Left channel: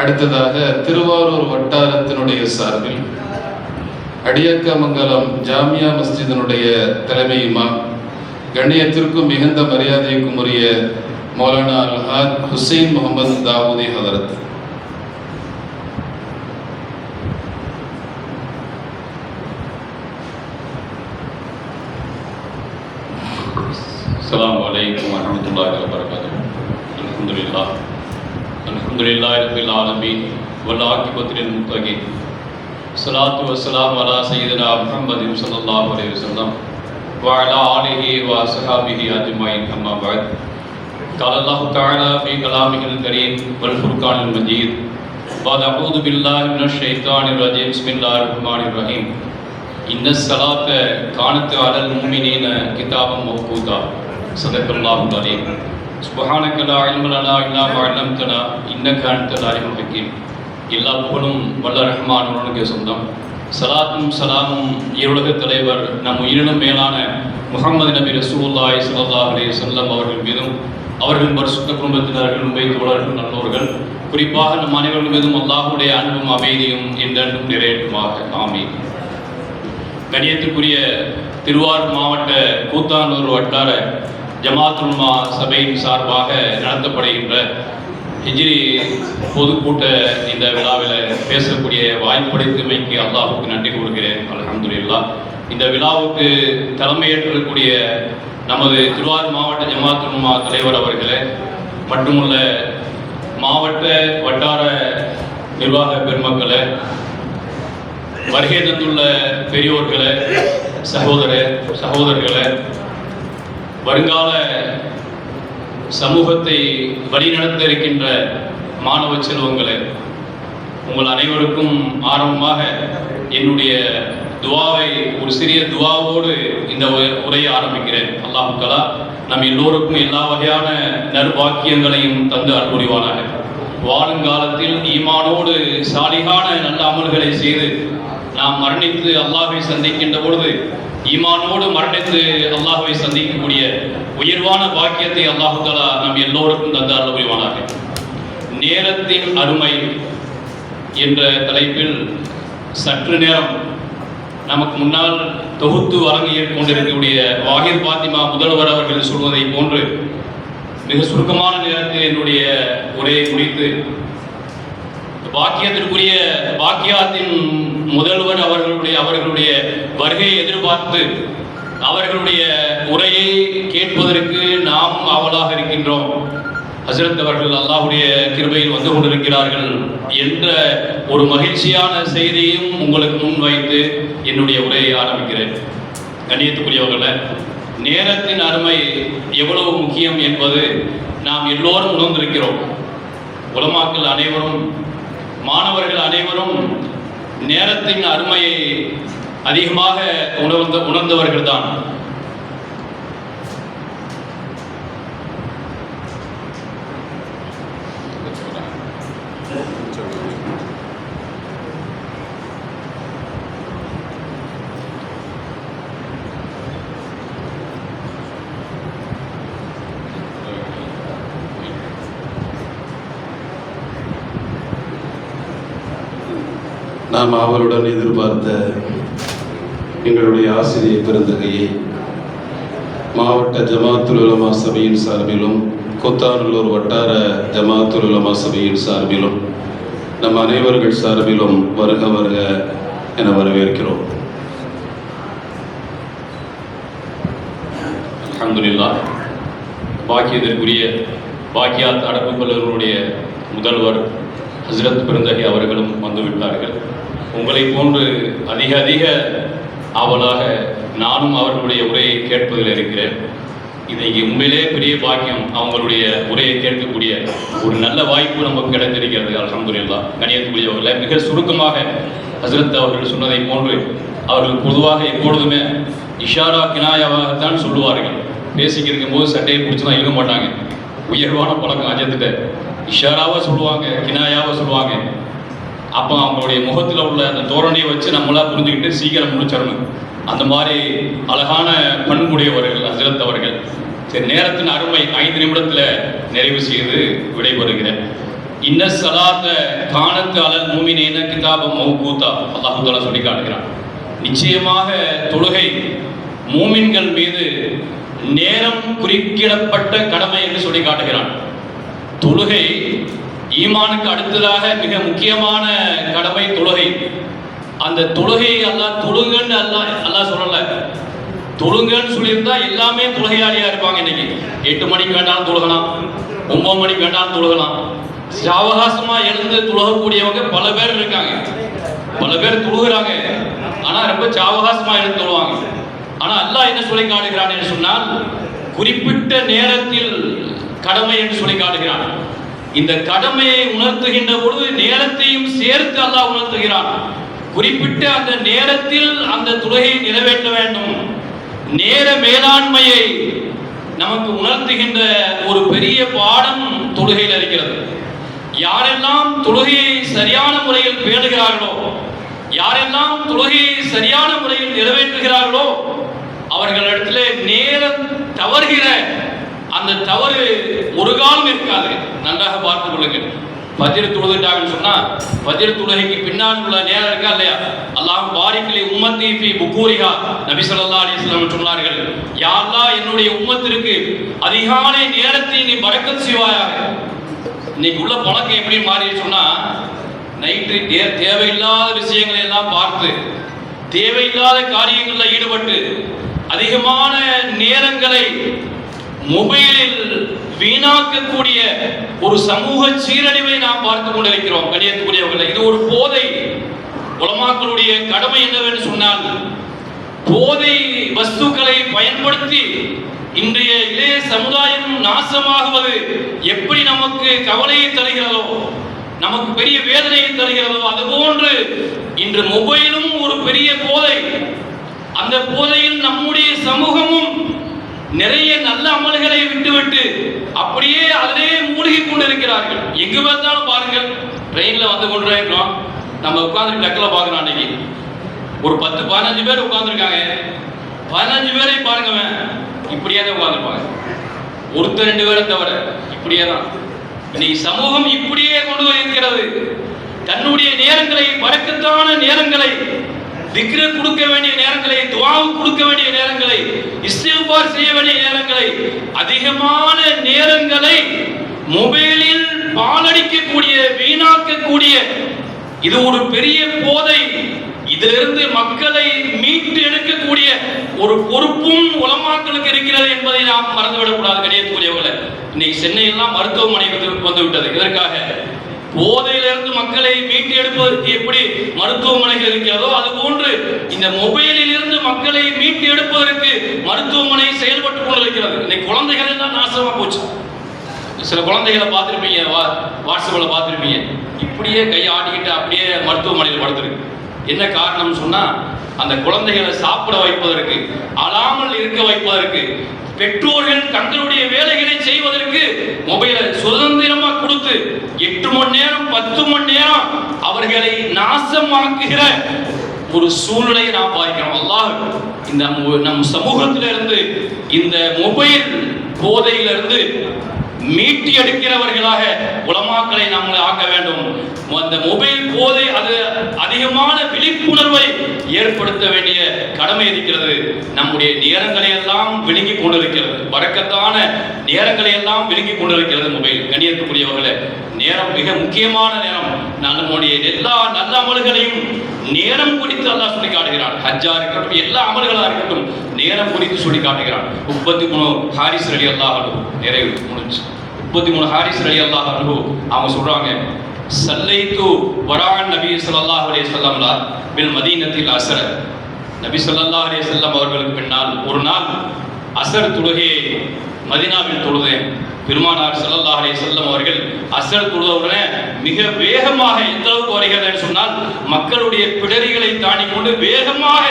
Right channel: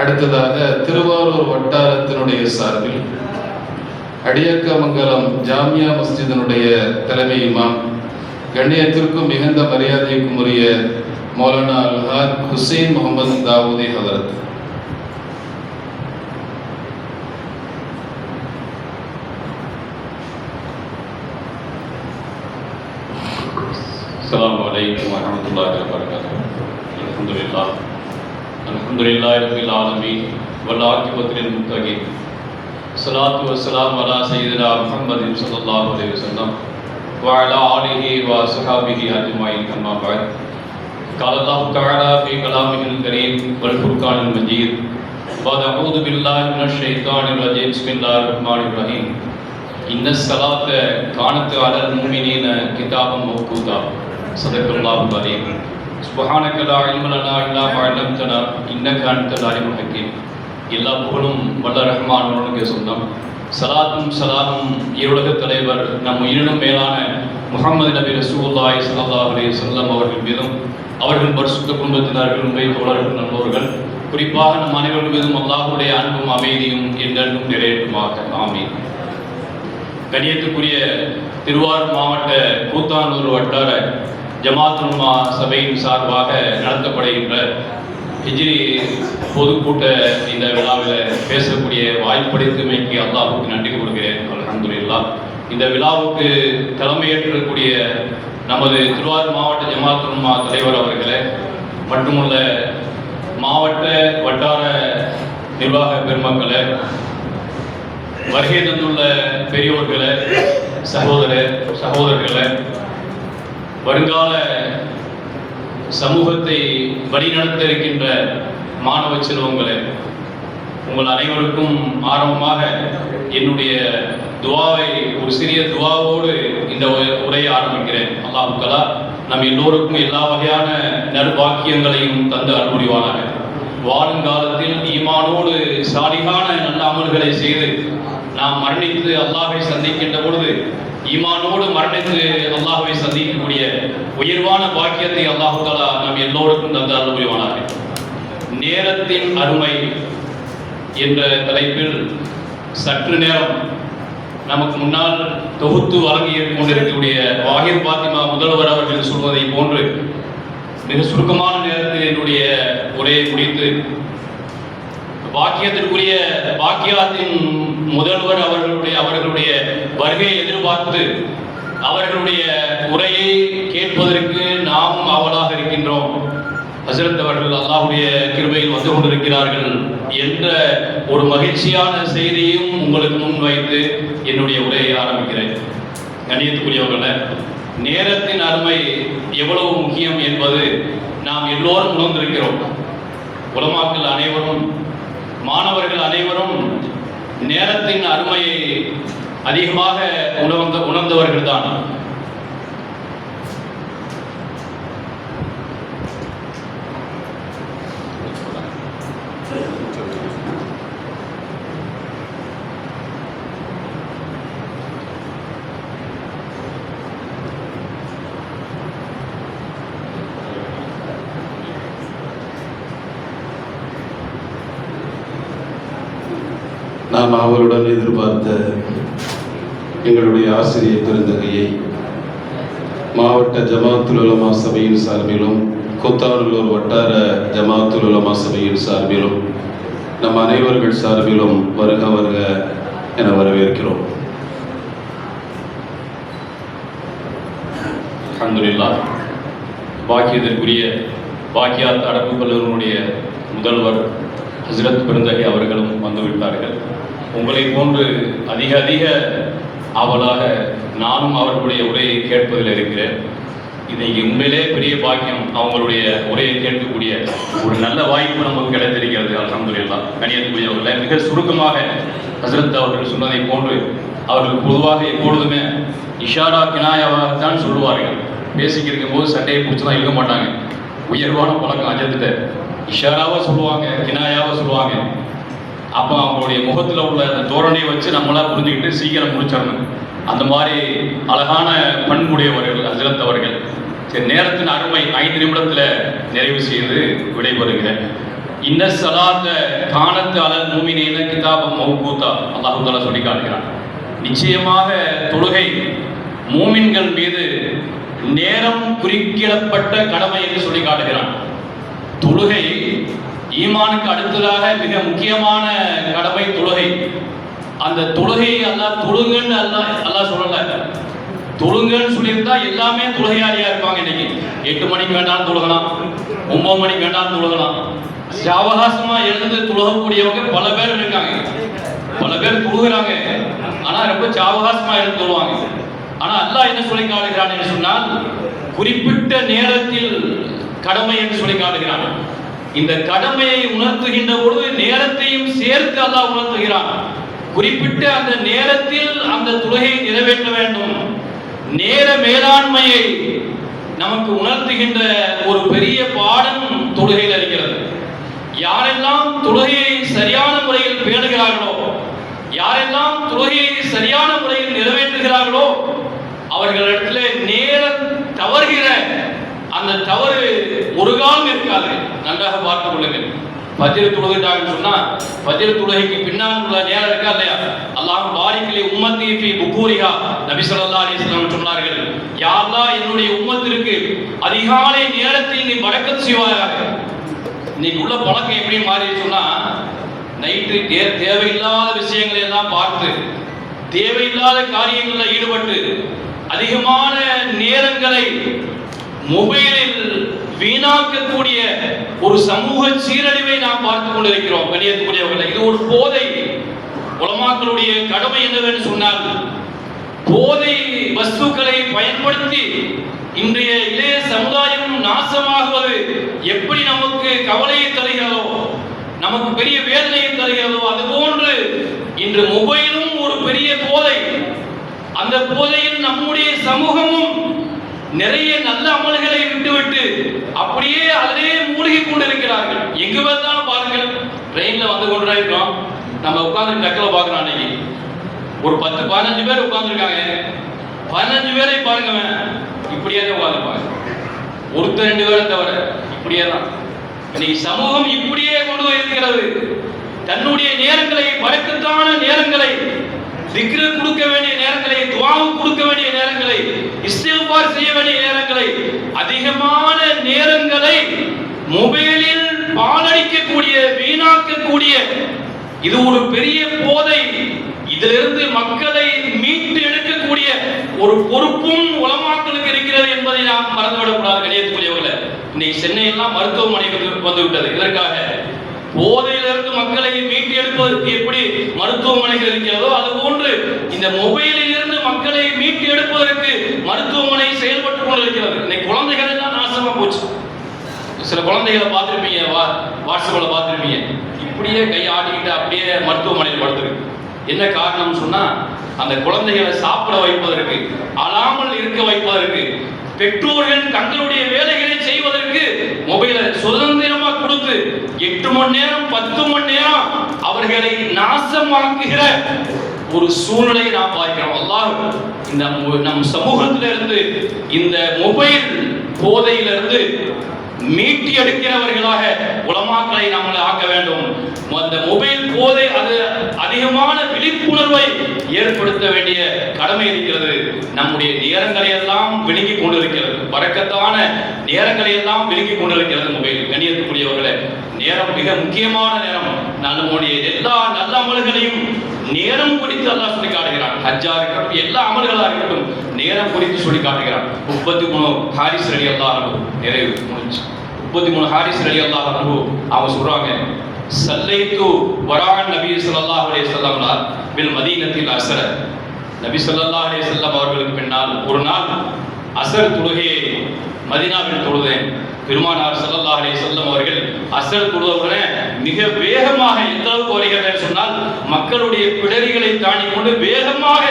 அடுத்ததாக திருவாரூர் வட்டாரத்தினுடைய சார்பில் அடியக்கமங்கலம் ஜாமியா மஸ்ஜிதினுடைய தலைமை இமாம், கண்ணியத்திற்கும் மிகுந்த மரியாதைக்கும் உரிய மௌலானா அல்ஹாஜ் ஹுசைன் முகமது தாவூதி ஹதரத். அஸ்ஸலாமு அலைக்கும் வரஹ்மத்துல்லாஹி வபரகாத்துஹு. அல்ஹம்துலில்லாஹி ரப்பில் ஆலமீன் வல் ஆகிபத்து லில் முத்தகீன். ஸலாத்து வஸ்ஸலாமு அலா சய்யிதினா முஹம்மதின் ஸல்லல்லாஹு அலைஹி வஸல்லம் வ அலா ஆலிஹி வ அஸ்ஹாபிஹி அஜ்மஈன். அம்மா பஅத். قال الله تعالى في كلامه الكريم والفرقان المجيد بعد أعوذ بالله من الشيطان الرجيم بسم الله الرحمن الرحيم إن الصلاة كانت على المؤمنين كتابا موقوتا صدق الله العظيم سبحانك لا علم لنا إلا ما علمتنا إنك أنت العليم الحكيم. எல்லா புகழும் வல்ல ரஹ்மானுக்கு சொந்தம். சலாத்தும் சலாமும் இருளக தலைவர் நம் உயிரினும் மேலான முஹம்மது நபி ரசூலுல்லாஹி ஸல்லல்லாஹு அலைஹி வஸல்லம் அவர்கள் மீதும் அவர்கள் பரிசுத்த குடும்பத்தினர்கள் உண்மை தோழர்கள் நல்லவர்கள் குறிப்பாக நம் அனைவர்கள் மீதும் அல்லாஹ்வுடைய அன்பும் அமைதியும் என்றென்றும் நிறைவேற்றுமாக. ஆமீன். கண்ணியத்துக்குரிய திருவாரூர் மாவட்ட கூத்தானூர் வட்டார ஜமாத் உலமா சபையின் சார்பாக நடத்தப்படுகின்ற ஹிஜ்ரி பொதுக்கூட்ட இந்த விழாவில் பேசக்கூடிய வாய்ப்பளித்தமைக்கு அல்லாஹ்வுக்கு நன்றி கூறுகிறேன். அல்ஹம்துலில்லாஹ். இந்த விழாவுக்கு தலைமையேற்றக்கூடிய நமது திருவாரூர் மாவட்ட ஜமாத் உலமா தலைவர் அவர்களே, மட்டுமல்ல மாவட்ட வட்டார நிர்வாக பெருமக்களே, வருகை தந்துள்ள பெரியோர்களே, சகோதரர்களே, வருங்கால சமூகத்தை வழிநடத்த இருக்கின்ற மாணவ செல்வங்களே, உங்கள் அனைவருக்கும் ஆரம்பமாக என்னுடைய துவாவை ஒரு சிறிய துவாவோடு இந்த உரையை ஆரம்பிக்கிறேன். அல்லாஹ் தஆலா நம் எல்லோருக்கும் எல்லா வகையான நற்பாக்கியங்களையும் தந்து அருள்புரிவானாக. வாழுங்காலத்தில் ஈமானோடு சாலிகான நல்ல அமல்களை செய்து நாம் மரணித்து அல்லாஹ்வை சந்திக்கின்ற பொழுது ஈமானோடு மரணித்து அல்லாஹ்வை சந்திக்கக்கூடிய உயர்வான பாக்கியத்தை அல்லாஹ் தஆலா நம் எல்லோருக்கும் தந்து அருள் புரிவானாக. நேரத்தின் அருமை என்ற தலைப்பில் சற்று நேரம் நமக்கு முன்னால் தொகுத்து வழங்கி கொண்டிருக்கக்கூடிய வாஹிர் பாத்திமா முதல்வர் அவர்கள் சொல்வதை போன்று மிக சுருக்கமான நேரத்தில் என்னுடைய உரையை முடித்து பாக்கியத்திற்குரிய பாக்கியாத்தின் முதல்வர் அவர்களுடைய வருகையை எதிர்பார்த்து அவர்களுடைய உரையை கேட்பதற்கு நாம் ஆவலாக இருக்கின்றோம். ஹஸ்ரத் அவர்கள் அல்லாஹ்வுடைய கிருபையில் வந்து கொண்டிருக்கிறார்கள் என்ற ஒரு மகிழ்ச்சியான செய்தியையும் உங்களுக்கு முன் வைத்து என்னுடைய உரையை ஆரம்பிக்கிறேன். கண்ணியத்துக்குரியவர்களே, நேரத்தின் அருமை எவ்வளவு முக்கியம் என்பது நாம் எல்லோரும் உணர்ந்திருக்கிறோம். உலமாக்கள் அனைவரும், மாணவர்கள் அனைவரும் நேரத்தின் அருமையை அதிகமாக உணர்ந்தவர்கள் தான். நாம் அவருடன் எதிர்பார்த்த எங்களுடைய ஆசிரியர் பெருந்தகையை மாவட்ட ஜமாத்துல் உலமா சபையின் சார்பிலும் கூத்தானூர் வட்டார ஜமாத்துல் உலமா சபையின் சார்பிலும் நம் அனைவர்கள் சார்பிலும் வருக வருக என வரவேற்கிறோம். அல்ஹம்துலில்லாஹ். பாக்கியத்திற்குரிய பாக்கியாத் அரபு கல்லூரியினுடைய முதல்வர் ஹஸ்ரத் பெருந்தகை அவர்களும் வந்துவிட்டார்கள். உங்களை போன்று அதிக ஆவலாக நானும் அவர்களுடைய உரையை கேட்பதில் இருக்கிறேன். இன்னைக்கு உண்மையிலே பெரிய பாக்கியம். அவங்களுடைய உரையை கேட்கக்கூடிய ஒரு நல்ல வாய்ப்பு நமக்கு கிடைத்திருக்கிறது. அல்ஹம்துலில்லாஹ். கண்ணியத்துக்குரியவர்களை, மிக சுருக்கமாக ஹஸ்ரத் அவர்கள் சொன்னதை போன்று அவர்கள் பொதுவாக எப்பொழுதுமே இஷாரா கினாயாவாகத்தான் சொல்லுவார்கள். பேசிக்கிட்டு இருக்கும்போது சட்டையை பிடிச்சதான் இருக்க மாட்டாங்க. உயர்வான பழக்கம் அஜத்துட்ட இஷாராவாக சொல்லுவாங்க, கினாயாவாக சொல்லுவாங்க. அப்போ அவங்களுடைய முகத்தில் உள்ள அந்த தோரணையை வச்சு நம்மளாக புரிஞ்சுக்கிட்டு சீக்கிரம் முடிச்சிடணும். அந்த மாதிரி அழகான பண்புடையவர்கள் ஹஸ்ரத் அவர்கள். சரி, நேரத்தின் அருமை 5 நிமிடத்தில் நிறைவு செய்து விடைபெறுகிறேன். இன்ன ஸலாத்த கானத் அலல் முஃமினீன கிதாபம் மௌகூதா. அல்லாஹ் தஆலா சொல்லி காட்டுகிறான், நிச்சயமாக தொழுகை மூமின்கள் மீது நேரம் குறிப்பிடப்பட்ட கடமை என்று சொல்லி காட்டுகிறான். தொழுகை ஈமானுக்கு அடுத்ததாக மிக முக்கியமான கடமை தொழுகை. அந்த தொழுகையை அல்லாஹ் தொழுங்கன்னு அல்லாஹ் சொல்லல. தொழுங்கன்னு சொல்லியிருந்தா எல்லாமே தொழுகையாளியா இருப்பாங்க. இன்னைக்கு 8 மணிக்கு வேண்டாம் தொழுகலாம், 9 மணிக்கு வேண்டாம் தொழுகலாம். சாவகாசமா எழுந்து தொழுகக்கூடியவங்க பல பேர் இருக்காங்க. பல பேர் தொழுகிறாங்க, ஆனா ரொம்ப சாவகாசமா எழுந்து தொழுவாங்க. ஆனா அல்லாஹ் என்ன சொல்லி காட்டுகிறான் என்று சொன்னால், குறிப்பிட்ட நேரத்தில் கடமை என்று சொல்லி காட்டுகிறான். இந்த கடமையை உணர்த்துகின்ற பொழுது நேரத்தையும் சேர்த்து அல்லாஹ் உணர்த்துகிறான். குறிப்பிட்ட அந்த நேரத்தில் அந்த தொழுகையை நிறைவேற்ற வேண்டும். நேர மேலாண்மையை நமக்கு உணர்த்துகின்ற ஒரு பெரிய பாடம் தொழுகையில் இருக்கிறது. யாரெல்லாம் தொழுகையை சரியான முறையில் பேணுகிறார்களோ, யாரெல்லாம் தொழுகையை சரியான முறையில் நிறைவேற்றுகிறார்களோ, அவர்களிடத்தில் நேரம் தவறுகிற அந்த தவறு ஒரு காலம் இருக்காது. நன்றாக பார்த்துக் கொள்ளுங்கள். ஃபஜ்ர் தொழுதுட்டாங்கன்னு சொன்னா ஃபஜ்ர் தொழுகைக்கு பின்னால் உள்ள நேரம் இருக்கா இல்லையா? அல்லாஹ் பாரிக்லி உம்மத்தி ஃபி புகூரிஹா. நபி ஸல்லல்லாஹு அலைஹி வஸல்லம் சொன்னார்கள், யா அல்லாஹ் என்னுடைய உம்மத்திற்கு அதிகாலை நேரத்தை நீ பரக்கத் செய்வாயாக. இன்னைக்கு உள்ள பழக்கம் எப்படி மாறி சொன்னா, நைட்டு தேவையில்லாத விஷயங்களை எல்லாம் பார்த்து தேவையில்லாத காரியங்களில் ஈடுபட்டு அதிகமான நேரங்களை மொபைலில் வீணாக்கக்கூடிய ஒரு சமூக சீரழிவை நாம் பார்த்து கொண்டிருக்கிறோம். கணியத்துக்குரியவர்கள், இது ஒரு போதை. உலமாக்களுடைய கடமை என்னவென்று சொன்னால், போதை வஸ்துக்களை பயன்படுத்தி இன்றைய இளைய சமுதாயம் நாசமாகுவது எப்படி நமக்கு கவலையை தருகிறதோ, நமக்கு பெரிய வேதனையை தருகிறதோ, அதுபோன்று இன்று மொபைலும் ஒரு பெரிய போதை. அந்த போதையில் நம்முடைய சமூகமும் நிறைய நல்ல அமல்களை விட்டுவிட்டு அப்படியே அதிலே மூழ்கி கொண்டிருக்கிறார்கள். எங்கு பார்த்தாலும் பாருங்கள், ட்ரெயின்ல வந்து கொண்டு இருக்கோம், நம்ம உட்கார்ந்து டக்கில் பார்க்கிறோம். அன்னைக்கு ஒரு 10-15 பேர் உட்கார்ந்துருக்காங்க. 15 பேரை பாருங்க, இப்படியே தான் உட்கார்ந்துருப்பாங்க. ஒருத்தர் 2 பேரை தவிர இப்படியே தான். இன்னைக்கு சமூகம் இப்படியே கொண்டு இருக்கிறது. தன்னுடைய நேரங்களை, பறக்கத்தான நேரங்களை, திக்ரு கொடுக்க வேண்டிய நேரங்களை, துஆவுக்கு கொடுக்க வேண்டிய நேரங்களை, இஸ்திக்பார் செய்ய வேண்டிய நேரங்களை, அதிகமான நேரங்களை மொபைலில் பாழடிக்கக்கூடிய, வீணாக்கக்கூடிய இது ஒரு பெரிய போதை. இதிலிருந்து மக்களை மீட்டு எடுக்கக்கூடிய ஒரு பொறுப்பும் உலமாக்களுக்கு இருக்கிறது என்பதை நாம் மறந்துவிடக்கூடாது. கணியத்துக்குரியவர்களே, இன்னைக்கு சென்னையெல்லாம் மருத்துவமனைக்கு வந்து விட்டது. இதற்காக போதையிலிருந்து மக்களை மீட்டு எடுப்பதற்கு எப்படி மருத்துவமனைகள் இருக்கிறதோ, அதுபோன்று இந்த மொபைலில் இருந்து மக்களை மீட்டு எடுப்பதற்கு மருத்துவமனை செயல்பட்டுக் கொண்டிருக்கிறது. இன்னைக்கு குழந்தைகள் எல்லாம் நாசமா போச்சு. சில குழந்தைகளை பார்த்துருப்பீங்க, வாட்ஸ்அப்ல பார்த்துருப்பீங்க, இப்படியே கையை ஆட்டிக்கிட்டு அப்படியே மருத்துவமனையில் படுத்துருக்கு. என்ன காரணம் சொன்னா, அந்த குழந்தைகளை சாப்பிட வைப்பதற்கு, அழாமல் இருக்க வைப்பதற்கு, பெற்றோர்கள் தங்களுடைய வேலைகளை செய்வதற்கு மொபைலை சுதந்திரமா கொடுத்து 8 மணி நேரம் 10 மணி நேரம் அவர்களை நாசமாக்குகிற ஒரு சூழ்நிலையை நாம் பார்க்கிறோம். அல்லாஹ் இந்த நம் சமூகத்திலிருந்து இந்த மொபைல் போதையிலிருந்து மீட்டி எடுக்கிறவர்களாக உலமாக்களை நம்மளை ஆக்க வேண்டும். அந்த மொபைல் போதை அது அதிகமான விழிப்புணர்வை ஏற்படுத்த வேண்டிய கடமை இருக்கிறது. நம்முடைய நேரங்களை எல்லாம் விழுங்கி கொண்டிருக்கிறது. பறக்கத்தான நேரங்களை எல்லாம் விழுங்கி கொண்டிருக்கிறது மொபைல். கணியத்துக்குரியவர்களே, நேரம் மிக முக்கியமான நேரம். நம்முடைய எல்லா நல்ல அமல்களையும் நேரம் குறித்து அல்லாஹ் சொல்லி காட்டுகிறான். ஹஜ்ஜா இருக்கட்டும், எல்லா அமல்களா இருக்கட்டும், நேரம் குறித்து சொல்லி காட்டுகிறான். 33 ஹாரிஸ் ரலியல்லாஹு அன்ஹு நிறைவு முடிஞ்சு. 33 ஹாரிஸ் ரலியல்லாஹு அன்ஹு அவங்க சொல்றாங்க, சல்லைத்து வரான் நபி ஸல்லல்லாஹு அலைஹி வஸல்லம் பில் மதீனத்தில் அஸ்ர. நபி ஸல்லல்லாஹு அலைஹி வஸல்லம் அவர்களுக்கு பின்னால் ஒரு நாள் அஸ்ர் தொழுகையை மதீனாவில் தொழுதேன். பெருமானார் ஸல்லல்லாஹு அலைஹி வஸல்லம் அவர்கள் அஸ்ர் தொழுதவுடனே மிக வேகமாக, எந்த அளவுக்கு வருகிறார் சொன்னால், மக்களுடைய பிடரிகளை தாண்டி கொண்டு வேகமாக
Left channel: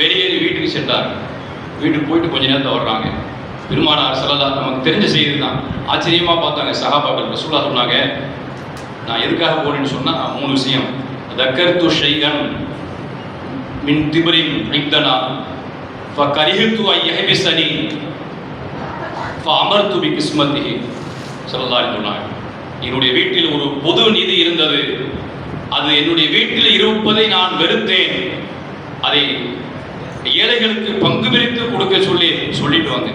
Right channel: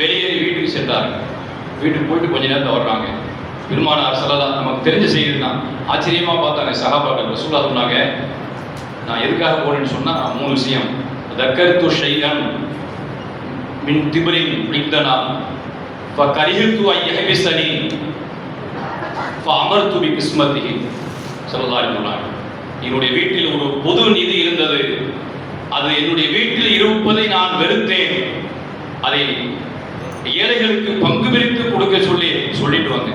வெளியேறி வீட்டுக்கு சென்றார். வீட்டுக்கு போயிட்டு கொஞ்ச நேரத்தை வர்றாங்க. பெருமானார் ஸல்லல்லாஹு, நமக்கு தெரிஞ்ச செய்தி தான், ஆச்சரியமா பார்த்தாங்க சஹாபாக்கள். ரசூலுல்லாஹ் சொன்னாங்க, நான் எதுக்காக போறேன்னு சொன்னா 3 விஷயம். தக்கர்து ஷைஅன் மின் திப்ரின் இப்தனா ஃபகரிஹ்து அய்ஹபிஸனி ஃபஅமர்து பிகிஸ்மத்திஹி. ஸல்லல்லாஹு அலைஹி வஸல்லம் என்னுடைய வீட்டில் ஒரு பொது நிதி இருந்தது, அது என்னுடைய வீட்டில் இருப்பதை நான் வெறுத்தேன், அதை ஏழைகளுக்கு பங்கு பிரித்து கொடுக்க சொல்லிட்டு வாங்க.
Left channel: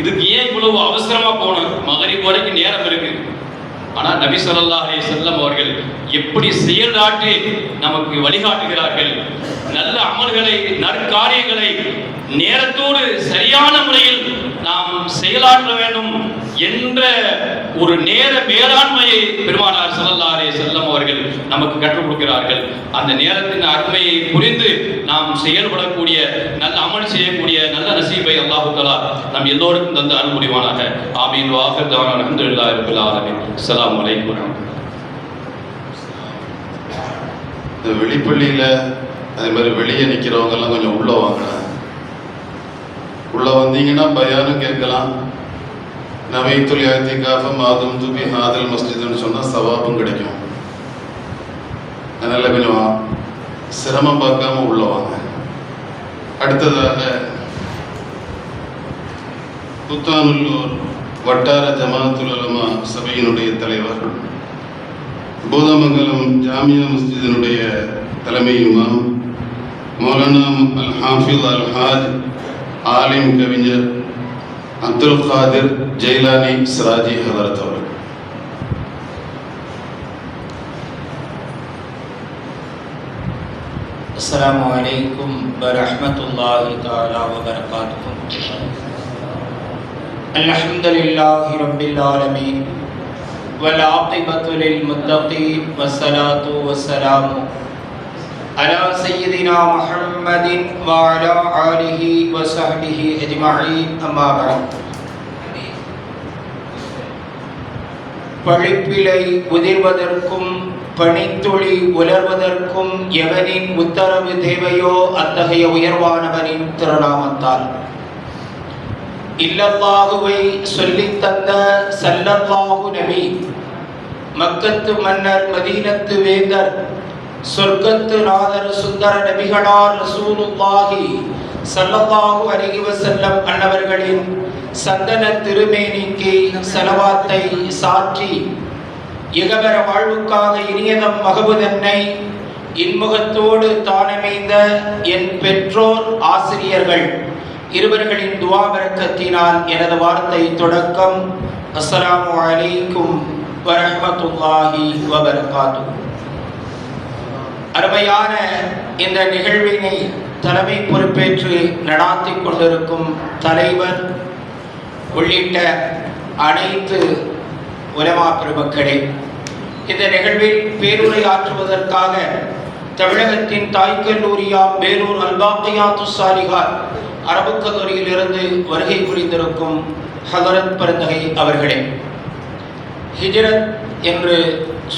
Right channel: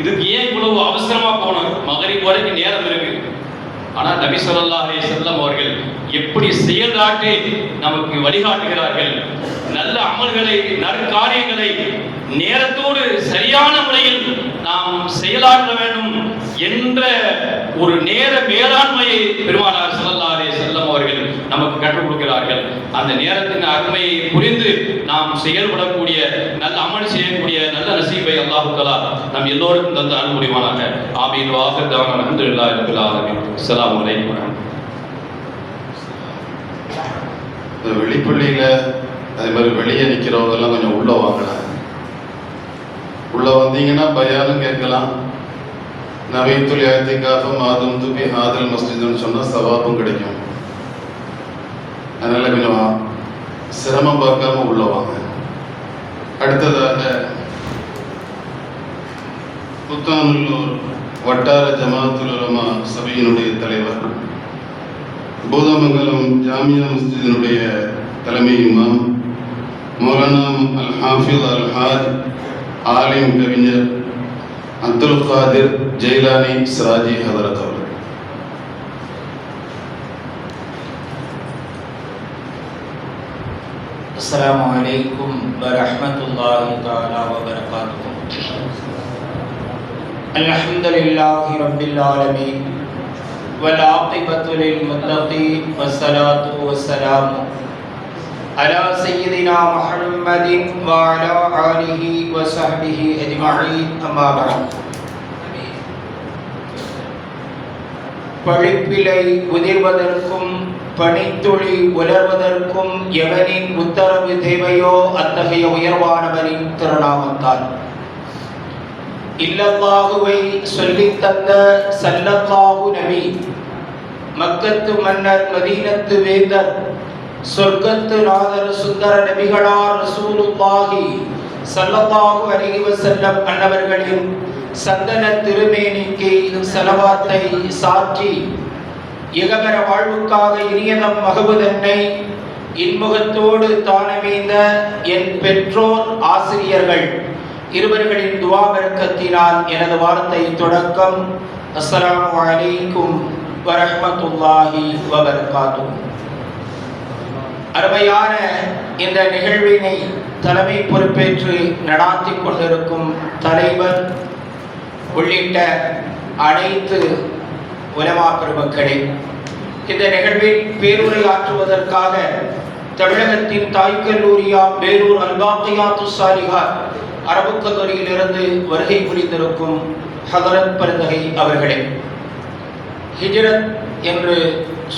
இதுக்கு ஏன் இவ்வளவு அவசரமா போனோம்? மகரிப் வரைக்கும் நேரம் இருக்கு. ஆனால் நபி ஸல்லல்லாஹு அலைஹி வஸல்லம் அவர்கள் எப்படி செயலாற்றி நமக்கு வழிகாட்டுகிறார்கள். நல்ல அமல்களை, நற்காரியங்களை நேரத்தோடு சரியான முறையில் நாம் செயலாற்ற வேண்டும் என்ற ஒரு நேர மேலாண்மையை பெருமானார் ஸல்லல்லாஹு அலைஹி வஸல்லம் அவர்கள் நமக்கு கற்றுக் கொடுக்கிறார்கள். அந்த நேரத்தின் அருமையை புரிந்து நாம் செயல்படக்கூடிய, நல்ல அமல் செய்யக்கூடிய நல்ல நசீபை அல்லாஹ் தஆலா நம் எல்லோருக்கும் தந்து அருள் புரிவானாக. ஆமீன். வாஹிர் தஅவானா அல்ஹம்துலில்லாஹி ரப்பில் ஆலமீன். அஸ்ஸலாமு அலைக்கும். இந்த வெளிப்பள்ளியில் அதே மாதிரி வெளியே நிற்கிறவங்கெல்லாம் கொஞ்சம் உள்ளே வாங்க. உள்ளே வந்தீங்கன்னா பயானும் கேட்கலாம். நவைத்துல் இஅ்திகாஃப மாதும் துபி ஹாதல் மஸ்ஜித்னு சொன்னால் சவாபும் கிடைக்கும். அதனால் கொஞ்சம் சிரமம் பார்க்காம உள்ளே வாங்க. அடுத்ததாக புத்தானூர் வட்டார ஜமாஅத்துல் உலமா சபையினுடைய தலைவர், பூதமங்கலம் ஜாமியா மஸ்ஜிதினுடைய தலைமை இமாம் மௌலானா அல் ஹாஃபிஸ் அல் ஹாஜ் ஆலிம் கவிஞர் அப்துல் காதிர் ஜெயிலானி சிராஜி ஹதரத் அவர்கள். அஸ்ஸலாமு அலைக்கும் வரஹ்மத்துல்லாஹி தஆலா வபரகாத்துஹு. அல்ஹம்துலில்லாஹி ரப்பில் ஆலமீன் வல் ஆகிபத்து லில் முத்தகீன் வஸ்ஸலாத்து வஸ்ஸலாமு அலா சய்யிதினா முஹம்மதின் வ அலா ஆலிஹி வ ஸஹ்பிஹி அஜ்மஈன். அம்மா பஅத். பழிப்பிலை உதிர்வதற்கும் பனித்துளி உலர்வதற்கும் எவனின் உத்தரவு தேவையோ அத்தகைய உயர்வானவனின் திருநாமத்தால் இல்லல்லாஹுவை சொல்லித் தந்த ஸல்லல்லாஹு நபி, மக்கத்து மன்னர் மதீனத்து வேந்தர் சொர்க்கத்து நாதர் சுந்தர நபிகளார் ரசூலுல்லாஹி ஸல்லல்லாஹு அலைஹி வஸல்லம் அன்னவர்களின் சந்தன திருமேனிக்கு ஸலவாத்தை சாற்றி இகபர வாழ்வுக்காக இனியதம் மகபுதன்னை இன்முகத்தோடு தானமைந்த என் பெற்றோர் ஆசிரியர்கள் இருவர்களின் துஆ பரக்கத்தினால் எனது வார்த்தை தொடக்கம். அஸ்ஸலாமு அலைக்கும் வரஹ்மத்துல்லாஹி வபரகாத்துஹு. அருமையான இந்த நிகழ்வினை தலைமை பொறுப்பேற்று நடாத்தி கொண்டிருக்கும் தலைவர் உள்ளிட்ட அனைத்து உலமா பெருமக்களே, இந்த நிகழ்வில் பேருரையாற்றுவதற்காக தமிழகத்தின் தாய்க்கல்லூரியா பேரூர் அல்பாக்கியாத்து சாலிகார் அரபுக்கதுரையிலிருந்து வருகை புரிந்திருக்கும் ஹதரத் பரந்தகை அவர்களே, ஹிஜ்ரத் என்று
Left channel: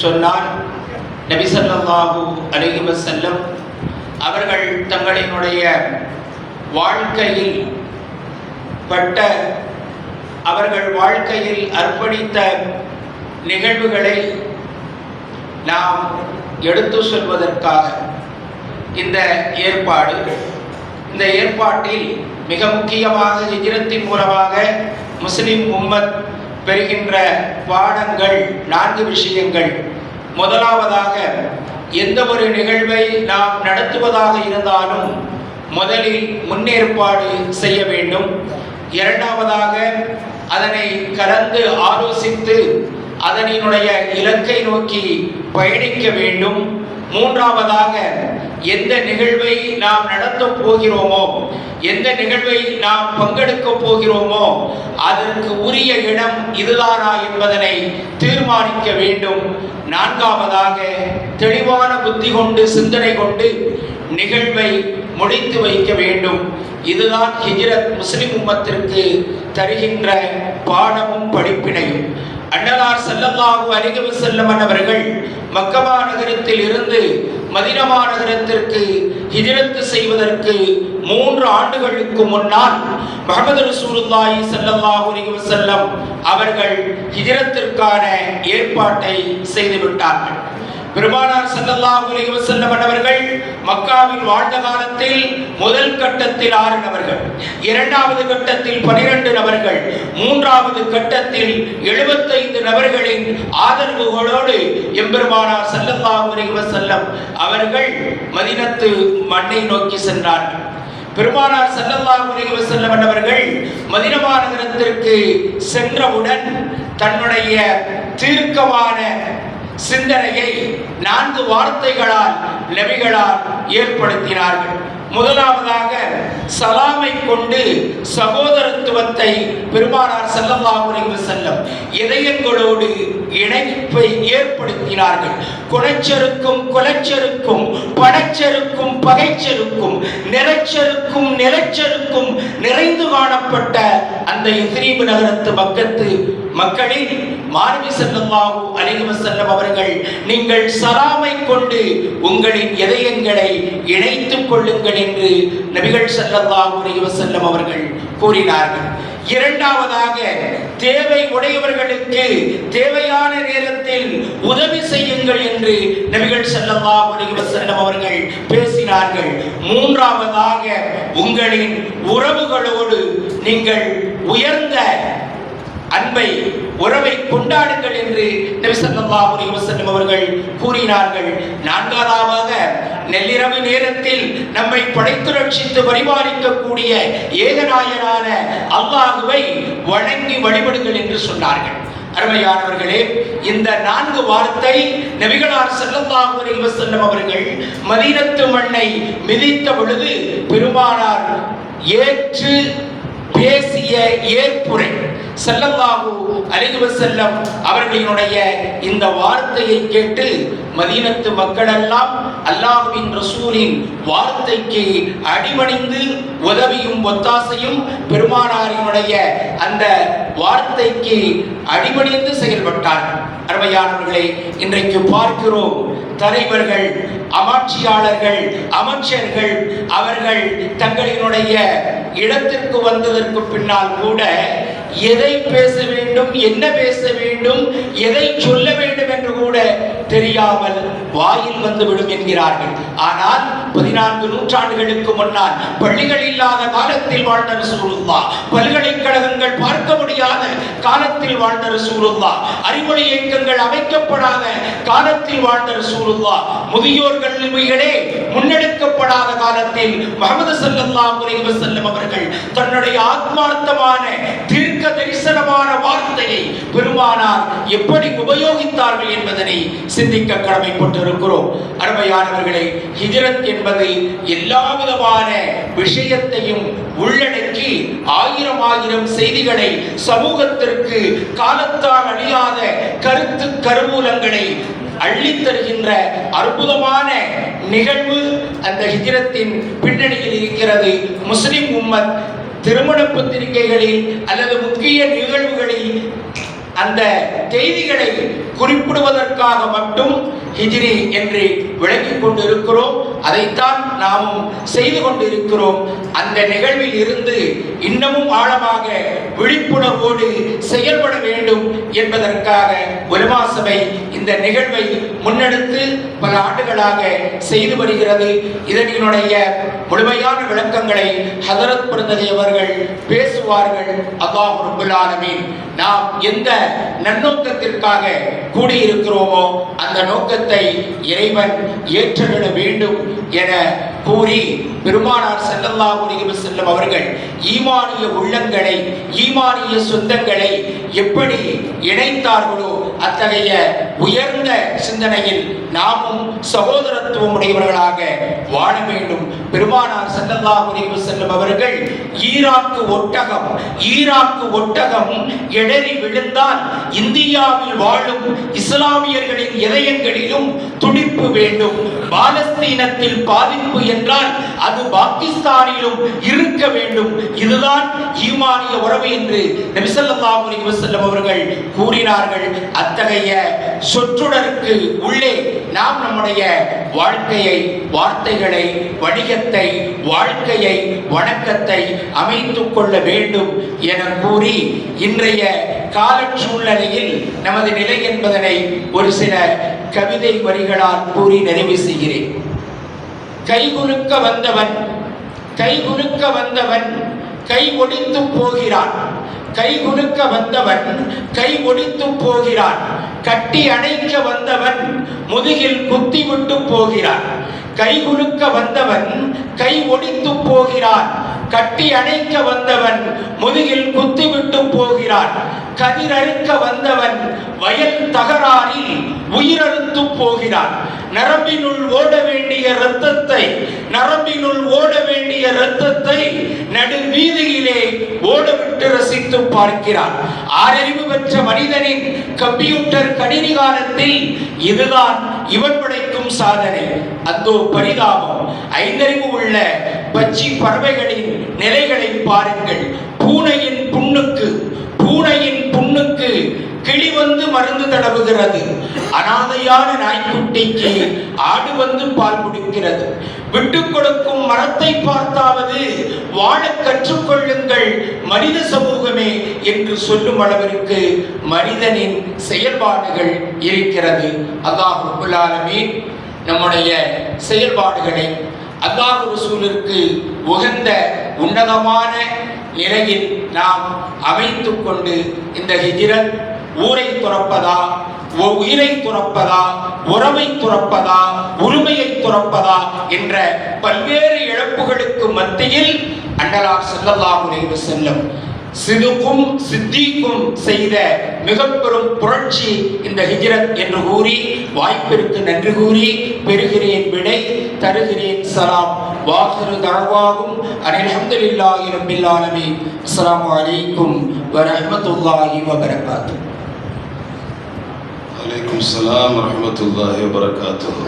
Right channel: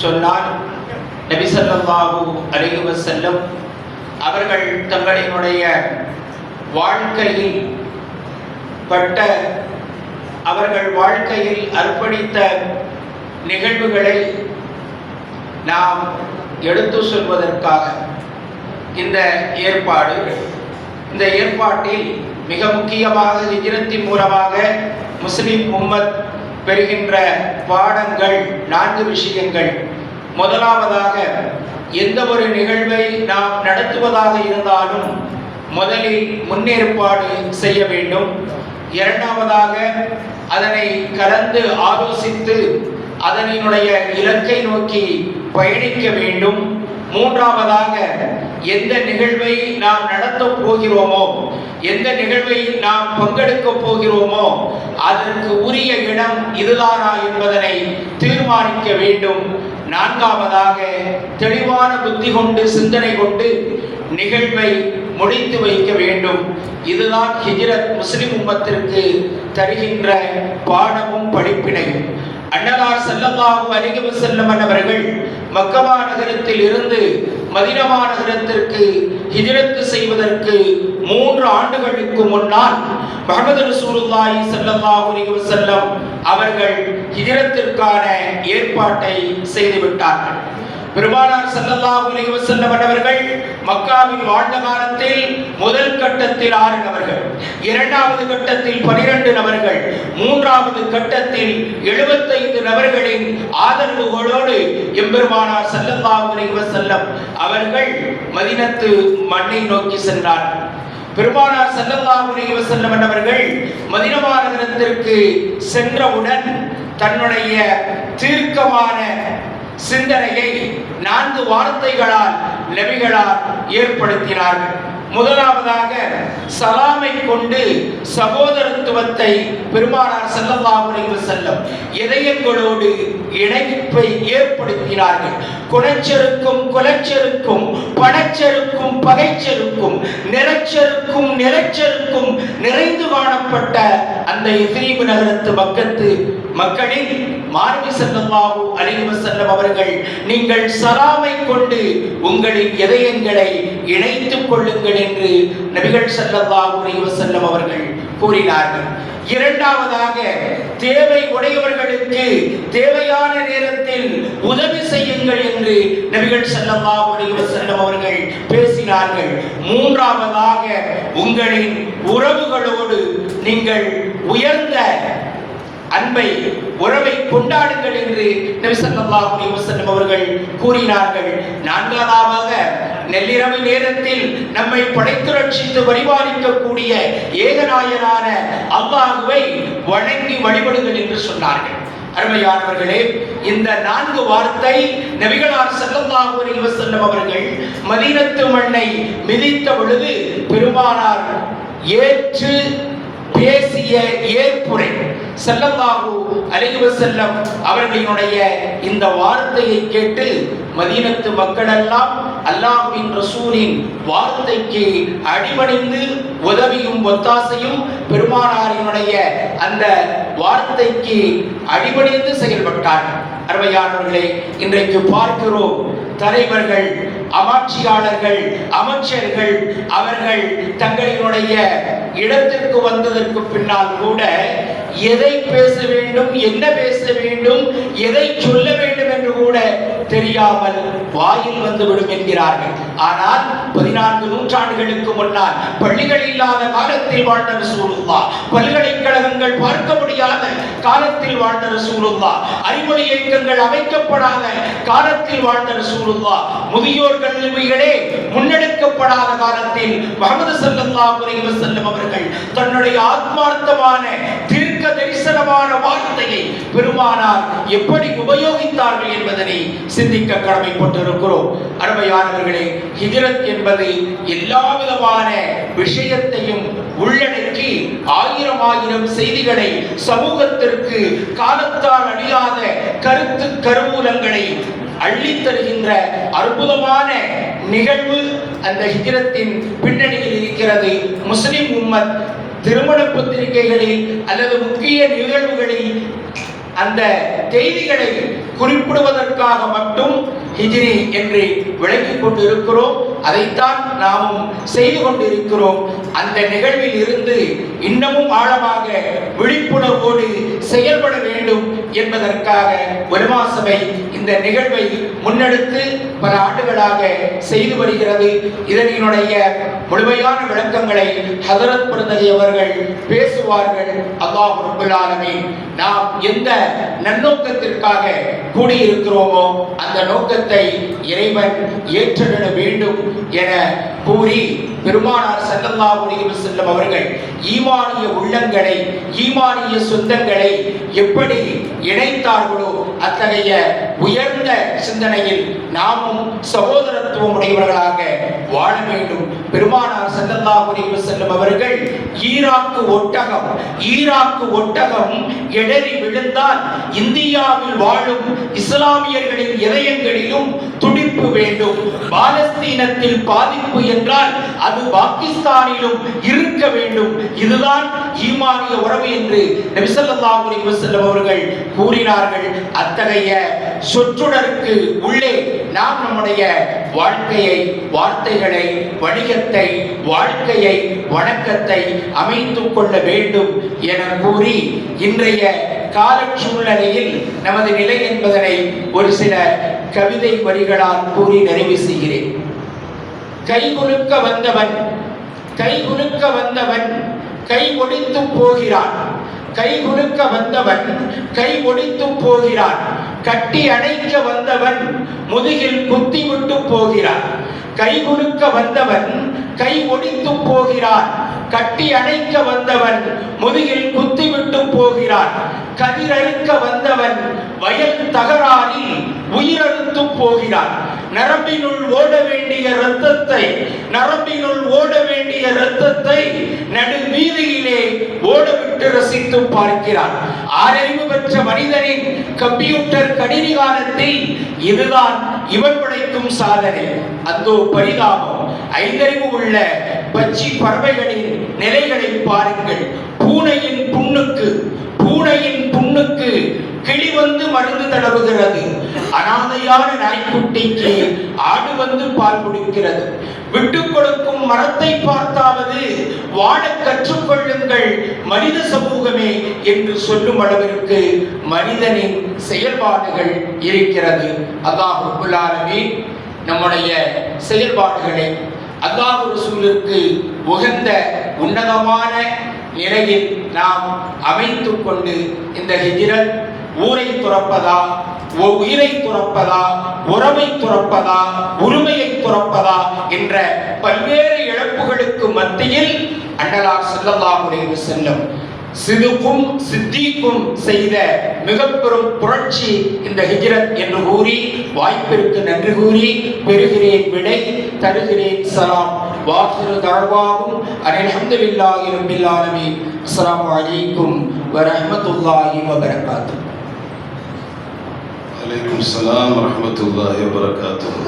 சொன்னால் நபி ஸல்லல்லாஹு அலைஹி வஸல்லம் அவர்கள் தங்களினுடைய வாழ்க்கையில் பட்ட, அவர்கள் வாழ்க்கையில் அர்ப்பணித்த நிகழ்வுகளை நாம் எடுத்து சொல்வதற்காக இந்த ஏற்பாடு. இந்த ஏற்பாட்டில் மிக முக்கியமாக ஹிஜ்ரத்தின் மூலமாக முஸ்லிம் உம்மத் பெறுகின்ற பாடங்கள் 4 விஷயங்கள். முதலாவதாக, எந்த ஒரு நிகழ்வை நாம் நடத்துவதாக இருந்தாலும் முதலில் முன்னேற்பாடு செய்ய வேண்டும். இரண்டாவதாக, அதனை கலந்து ஆலோசித்து அதனுடைய இலக்கை நோக்கி பயணிக்க வேண்டும். மூன்றாவதாக, எந்த நிகழ்வை நாம் நடத்தப் போகிறோமோ, எந்த நிகழ்வை நாம் பங்கெடுக்கப் போகிறோமோ அதற்கு உரிய இடம் இதுதானா என்பதனை தீர்மானிக்க வேண்டும். நான்காவதாக, தெளிவான புத்தி கொண்டு சிந்தனை கொண்டு நிகழ்வை முடித்து வைக்க வேண்டும். இதுதான் ஹிஜ்ரத் முஸ்லிம் உம்மத்திற்கு தருகின்ற பாடமும் படிப்பினையும். அன்னலார் ஸல்லல்லாஹு அலைஹி வஸல்லம் அவர்கள் மக்கா நகரத்தில் இருந்து மதீனா நகரத்திற்கு ஹிஜ்ரத் செய்வதற்கு 3 ஆண்டுகளுக்கு முன்னால் முஹம்மது ரசூலுல்லாஹி ஸல்லல்லாஹு அலைஹி வஸல்லம் அவர்கள் ஹிஜ்ரத்திற்கான ஏற்பாட்டை செய்து விட்டார்கள். பெருமானார் ஸல்லல்லாஹு அலைஹி வஸல்லம் அவர்கள் மக்காவில் வாழ்ந்த காலத்தில் முதல் கட்டத்தில் 6 நபர்கள், இரண்டாவது கட்டத்தில் 12 நபர்கள், மூன்றாவது கட்டத்தில் 75 நபர்களின் ஆதரவுகளோடு எம்பெருமானார் ஸல்லல்லாஹு அலைஹி வஸல்லம் அவர்கள் மதீனத்து மண்ணை நோக்கி சென்றார்கள். பெருமானார் ஸல்லல்லாஹு அலைஹி வஸல்லம் அவர்கள் மதீனா நகரத்திற்கு சென்றவுடன் தன்னுடைய தீர்க்கமான சிந்தனையை 4 வார்த்தைகளால் நபிகளால் ஏற்படுத்தினார்கள். முதலாவதாக சலாமை கொண்டு சகோதரத்துவத்தை பெருமானார் ஸல்லல்லாஹு அலைஹி வஸல்லம் இதயங்களோடு இணைப்பை ஏற்படுத்தினார்கள். குணச்செருக்கும் குலச்செருக்கும் பணச்செருக்கும் பகைச்செருக்கும் நிறச்செருக்கும் நிலச்செருக்கும் நிறைந்து காணப்பட்ட அந்த யத்ரீப் நகரத்து மக்களில் மாணவி ஸல்லல்லாஹு அலைஹி வஸல்லம் அவர்கள் நீங்கள் சலாமை கொண்டு உங்களின் இதயங்களை இணைத்துக் கொள்ளுங்கள் என்று நபிகள் ஸல்லல்லாஹு அலைஹி வஸல்லம் அவர்கள் கூறினார்கள். இரண்டாவதாக தேவை உடையவர்களுக்கு தேவையான நேரத்தில் உதவி செய்யுங்கள் என்று நபிகள் ஸல்லல்லாஹு அலைஹி வஸல்லம் அவர்கள் பேசினார்கள். மூன்றாவதாக உங்களின் உறவுகளோடு நீங்கள் உயர்ந்த அன்பை உறவை கொண்டாடுங்கள் என்று நபி ஸல்லல்லாஹு அலைஹி வஸல்லம் அவர்கள் கூறினார்கள். நான்காவதாக நள்ளிரவு நேரத்தில் நம்மை படைத்து ரட்சித்து பரிபாலிக்கக்கூடிய ஏகநாயனான அல்லாஹ்வை வணங்கி வழிபடுங்கள் என்று சொன்னார்கள். அருமையானவர்களே, இந்த 4 வார்த்தை நபிகளார் ஸல்லல்லாஹு அலைஹி வஸல்லம் அவர்கள் மதீனத்து மண்ணை மிதித்த பொழுது பெருமானார் ஏற்று பேசிய ஏற்புரை ஸல்லல்லாஹு அலைஹி வஸல்லம் அவர்களினுடைய இந்த வார்த்தையை கேட்டு மதீனத்து மக்களெல்லாம் அல்லாஹ்வின் ரசூலின் வார்த்தைக்கு அடிபணிந்து உதவியும் ஒத்தாசையும் பெருமானாரினுடைய அந்த வார்த்தைக்கு அடிபணிந்து செயல்பட்டார்கள். அருமையானவர்களே, இன்றைக்கு பார்க்கிறோம் தலைவர்கள், ஆட்சியாளர்கள், அமைச்சர்கள் அவர்கள் தங்களினுடைய இடத்திற்கு வந்ததற்கு பின்னால் கூட எதை பேச வேண்டும், என்ன பேச வேண்டும், எதை சொல்ல வேண்டும் என்று கூட தெரியாமல் வாயில் வந்துவிடும் என்கிறார்கள். ஆனால் 14 நூற்றாண்டுகளுக்கு முன்னால் பள்ளிகள் இல்லாத காலத்தில் வாழ்ந்த ரசூலுல்லாஹ், பல்கலைக்கழகங்கள் பார்க்க முடியாத காலத்தில் வாழ்ந்த ரசூலுல்லாஹ், அறிவுரை இயக்கங்கள் அமைக்கப்படாத காலத்தில் வாழ்ந்த ரசூலுல்லாஹ், முதியோர் கல்விகளே முன்னெடுக்கப்படாத காலத்தில் முஹம்மது ஸல்லல்லாஹு அலைஹி வஸல்லம் அவர்கள் தன்னுடைய ஆத்மார்த்தமான தீர்க்க தரிசனமான வார்த்தையை பெருமானார் எப்படி உபயோகித்தார்கள் என்பதனை சிந்திக்க கடமைப்பட்டிருக்கிறோம். அருமையானவர்களே, ஹிஜ்ரத் என்பது எல்லா விதமான விஷயத்தையும் உள்ளடக்கி 1000 செய்திகளை சமூகத்திற்கு காலத்தால் அழியாத கருத்து கருவூலங்களை அள்ளித் தருகின்ற அற்புதமான நிகழ்வு அந்த ஹிஜ்ரத்தின் பின்னணியில் இருக்கிறது. முஸ்லிம் உம்மத் திருமண பத்திரிகைகளில் அல்லது முக்கிய நிகழ்வுகளில் அந்த செய்திகளை குறிப்பிடுவதற்காக மட்டும் ஹிஜ்ரி என்று விளங்கிக் கொண்டிருக்கிறோம். அதைத்தான் நாமும் செய்து கொண்டிருக்கிறோம். அந்த நிகழ்வில் இருந்து இன்னமும் ஆழமாக விழிப்புணர்வோடு செயல்பட வேண்டும் என்பதற்காக உலமா சபை இந்த நிகழ்வை முன்னெடுத்து பல ஆண்டுகளாக செய்து வருகிறது. இதனுடைய முழுமையான விளக்கங்களை ஹதரத் பிரதிநிதி அவர்கள் பேசுவார்கள். அல்லாஹ் ரப்பல் ஆலமீன் நாம் எந்த நன்னோக்கத்திற்காக கூடியிருக்கிறோமோ அந்த நோக்கத்தை இறைவன் ஏற்றுவிட வேண்டும் என கூறி பெருமானார் ஸல்லல்லாஹு அலைஹி வஸல்லம் அவர்கள் ஈமானிய உள்ளங்களை, ஈமானிய சொந்தங்களை எப்படி இணைத்தார்களோ அத்தகைய உயர்ந்த சிந்தனையில் நாமும் சகோதரத்துவம் உடையவர்களாக வாழ வேண்டும். பெருமானார் ஸல்லல்லாஹு அலைஹி வஸல்லம் அவர்கள் ஈராக்கு ஒட்டகம் இடறி விழுந்தால் இந்தியாவில் வாழும் இஸ்லாமியர்களின் இதயங்களிலும் துடிப்பு வேண்டும். பாலஸ்தீனத்தில் பாதிப்பு என்றால் அது பாகிஸ்தானிலும் இருக்க வேண்டும். இதுதான் ஈமானிய உறவு என்று நபி ஸல்லல்லாஹு அலைஹி வஸல்லம் அவர்கள் கூறினார்கள். அத்தகைய சொற்றொடருக்கு உள்ளே நாம் நம்முடைய வாழ்க்கையை, வார்த்தைகளை, வணிகத்தை, வாழ்க்கையை, வணக்கத்தை அமைத்துக் கொள்ள வேண்டும் என கூறி இன்றைய கால சூழ்நிலையில் நமது நிலை என்பதனை ஒரு சில கவிதை வரிகளால் கூறி நிறைவு செய்கிறேன். கைகுலுக்க வந்தவன் கைகுலுக்க வந்தவன் கை ஒடித்து போகிறான். கைகுலுக்க வந்தவன் கை ஒடித்து போகிறான். கட்டி அணைக்க வந்தவன் முதுகில் குத்தி விட்டு போகிறான். கைகுலுக்க வந்தவன் கை ஒடித்து போகிறான். கட்டி அணைக்க வந்தவன் முதுகில் குத்திவிட்டு போகிறான். கதிரறுக்க வந்தவன் வயல் தகராறில் உயிரறுத்து போகிறான். நரம்பினுள் ஓட வேண்டிய இரத்தத்தை நடு வீதியிலே ஓடவிட்டு ரசித்து பார்க்கிறான். ஆறறிவு பெற்ற மனிதனின் கம்ப்யூட்டர் கணினிகாலத்தில் இதுதான் இவன் படைக்கும் சாதனை. அந்தோ பரிதாபம்! ஐந்தறிவு உள்ள பச்சி பறவைகளின் நிலைகளை பாருங்கள். பூனையின் புண்ணுக்கு கிளி வந்து மருந்து தடவுகிறது. அனாதையான நாய்க்குட்டிக்கு ஆடு வந்து பால் குடிக்கிறது. விட்டுக் கொடுக்கும் மரத்தை பார்த்தாவது வாழ கற்றுக்கொள்ளுங்கள் மனித சமூகமே என்று சொல்லும் அளவிற்கு மனிதனின் செயல்பாடுகள் இருக்கிறது. அல்லாஹ் ரப்பல் ஆலமீன் நம்முடைய செயல்பாடுகளை அல்லாஹ் ரசூலுக்கு உகந்த உன்னதமான நிலையில் நாம் அமைத்துக் கொண்டு இந்த ஹிஜ்ரத் ஊரை துறப்பதா, உயிரை துறப்பதா, உறவை துறப்பதா, உரிமையை துறப்பதா என்ற பல்வேறு இழப்புகளுக்கு மத்தியில் அன்னலார் ஸல்லல்லாஹு அலைஹி வஸல்லம் சிதுக்கும் சித்திக்கும் செய்த மிக பெரும் புரட்சி இந்த ஹிஜ்ரத் என்று கூறி வாய்ப்பிற்கு நன்றி கூறி பெறுகிறேன் விடை, தருகிறேன் சலாம். வாஹிரு தஅவாஹும் அல்ஹம்துலில்லாஹி ரப்பில் ஆலமீன். அஸ்ஸலாமு அலைக்கும் வரஹ்மத்துல்லாஹி வபரகாத்துஹு. வலைக்கும் ஸலாம் வரஹ்மத்துல்லாஹி வபரகாத்துஹு.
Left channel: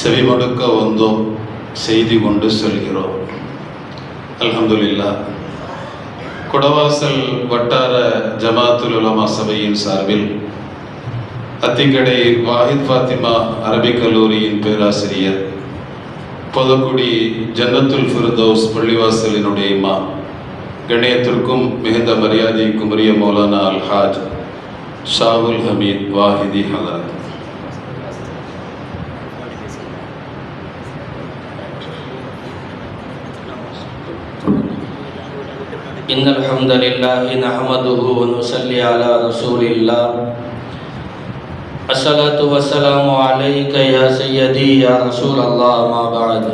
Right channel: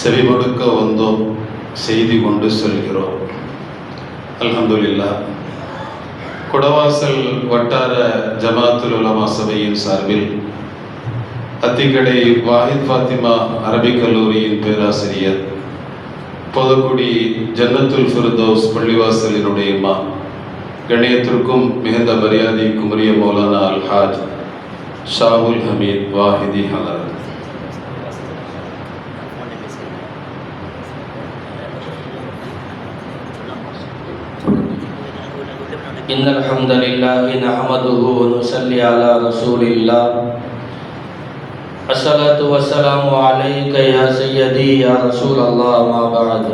செவிமடுக்க வந்தோம், செய்தி கொண்டு செல்கிறோம். அல்ஹம்துலில்லாஹ். குடவாசல் வட்டார ஜமாத்துல் உலமா சபையின் சார்பில் அத்திக்கடை வாஹித் ஃபாத்திமா அரபிக் கல்லூரியின் பேராசிரியர், பொதுக்குடி ஜன்னத்துல் ஃபிர்தௌஸ் பள்ளிவாசலினுடைய இமாம், கண்ணியத்திற்கும் மிகுந்த மரியாதைக்கும் உரிய மௌலானா அல்ஹாஜ் ஷாவுல் ஹமீத் வாஹிதி ஹலரத், إن الحمد لله نحمده ونصلي على رسول الله. الصلاة والسلام عليك يا سيدي يا رسول الله ما بعد.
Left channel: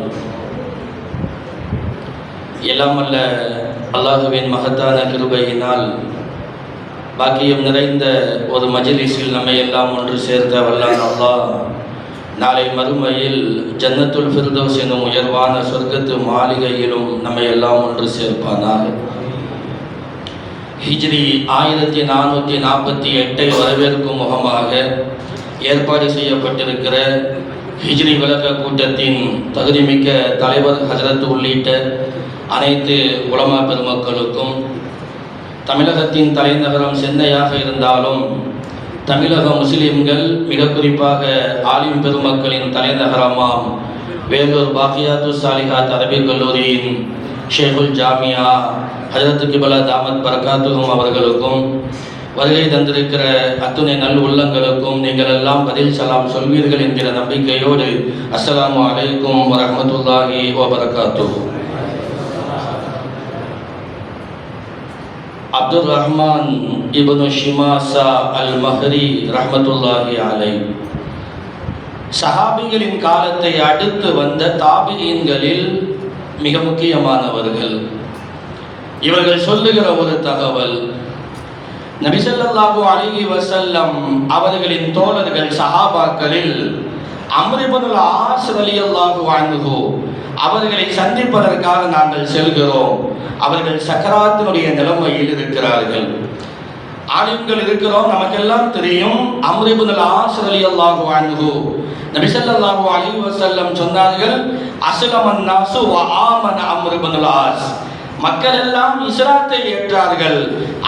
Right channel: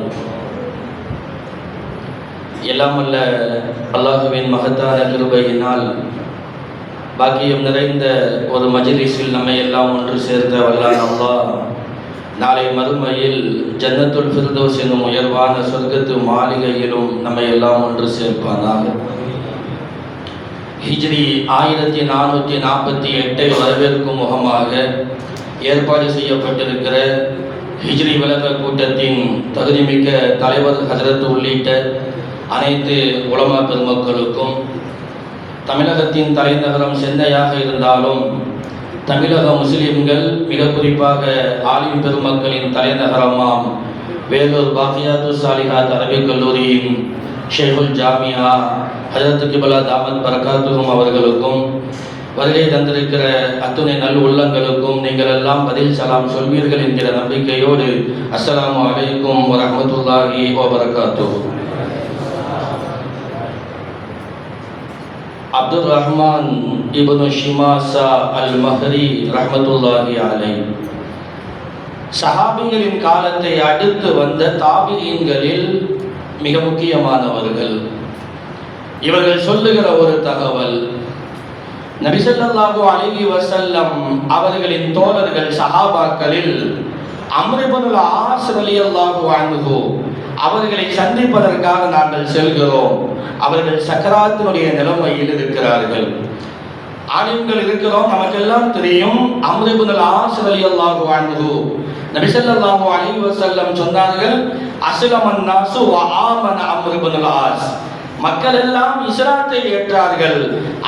எல்லாம் அல்ல அல்லாஹுவின் மகத்தான கிருபையினால் பாக்கியம் நிறைந்த ஒரு மஜ்லிஸில் நம்மை எல்லாம் ஒன்று சேர்த்த வல்லான் அல்லாஹ் நாளை மறுமையில் ஜன்னத்துல் ஃபிர்தௌஸ் எனும் உயர்வான சொர்க்கத்து மாளிகையிலும் நம்மை எல்லாம் ஒன்று சேர்ப்பானாக. ஹிஜ்ரி 1448 வரவேற்கும் முகமாக ஏற்பாடு செய்யப்பட்டிருக்கிற ஹிஜ்ரி விளக்க கூட்டத்தின் தகுதிமிக்க தலைவர் ஹஜரத் உள்ளிட்ட அனைத்து உலமா பெருமக்களுக்கும், தமிழகத்தின் தலைநகரம் சென்னையாக இருந்தாலும் தமிழக முஸ்லிம்கள் மிக குறிப்பாக ஆலிம் பெருமக்களின் தலைநகரமாம் வேலூர் பாக்கியாத்து சாலிஹாத் அரபிக் கல்லூரியின் ஷேகுல் ஜாமியா ஹஜரத் கிபலா தாமத் பரகாத்துஹும் அவர்களுக்கும், வருகை தந்திருக்கிற அத்துணை நல் உள்ளங்களுக்கும் நீங்கள் எல்லாம் பதில் சலாம் சொல்வீர்கள் என்கிற நம்பிக்கையோடு அஸ்ஸலாமு அலைக்கும் வரஹ்மத்துல்லாஹி வபரகாத்துஹு. அப்துல் ரஹ்மான் இப்னு ஷிமாசா அல் மஹரி ரஹ்மத்துல்லாஹி அலைஹி சஹாபிகளின் காலத்தை அடுத்து வந்த தாபிஈன்களில் மிக முக்கியமானவர்கள். இவர்கள் சொல்லுகிற ஒரு தகவல், நபி ஸல்லல்லாஹு அலைஹி வஸல்லம் அவர்களின் தோழர்கள் சஹாபாக்களில் அம்ர் இப்னுல் ஆஸ் ரலியல்லாஹு அன்ஹு அவர்களை சந்திப்பதற்காக நாங்கள் செல்கிறோம். அவர்கள் சக்கராத்தினுடைய நிலைமையில் இருக்கிறார்கள். ஆலிம்கள் இருக்கிறோம், நமக்கெல்லாம் தெரியும். அம்ர் இப்னுல் ஆஸ் ரலியல்லாஹு அன்ஹு நபி ஸல்லல்லாஹு அலைஹி வஸல்லம் சொன்னார்கள், அஸ்லமன் நாசு வ ஆமன அம்ர் இப்னுல் ஆஸ். மக்கள் எல்லாம் இஸ்லாத்தை ஏற்றார்கள்,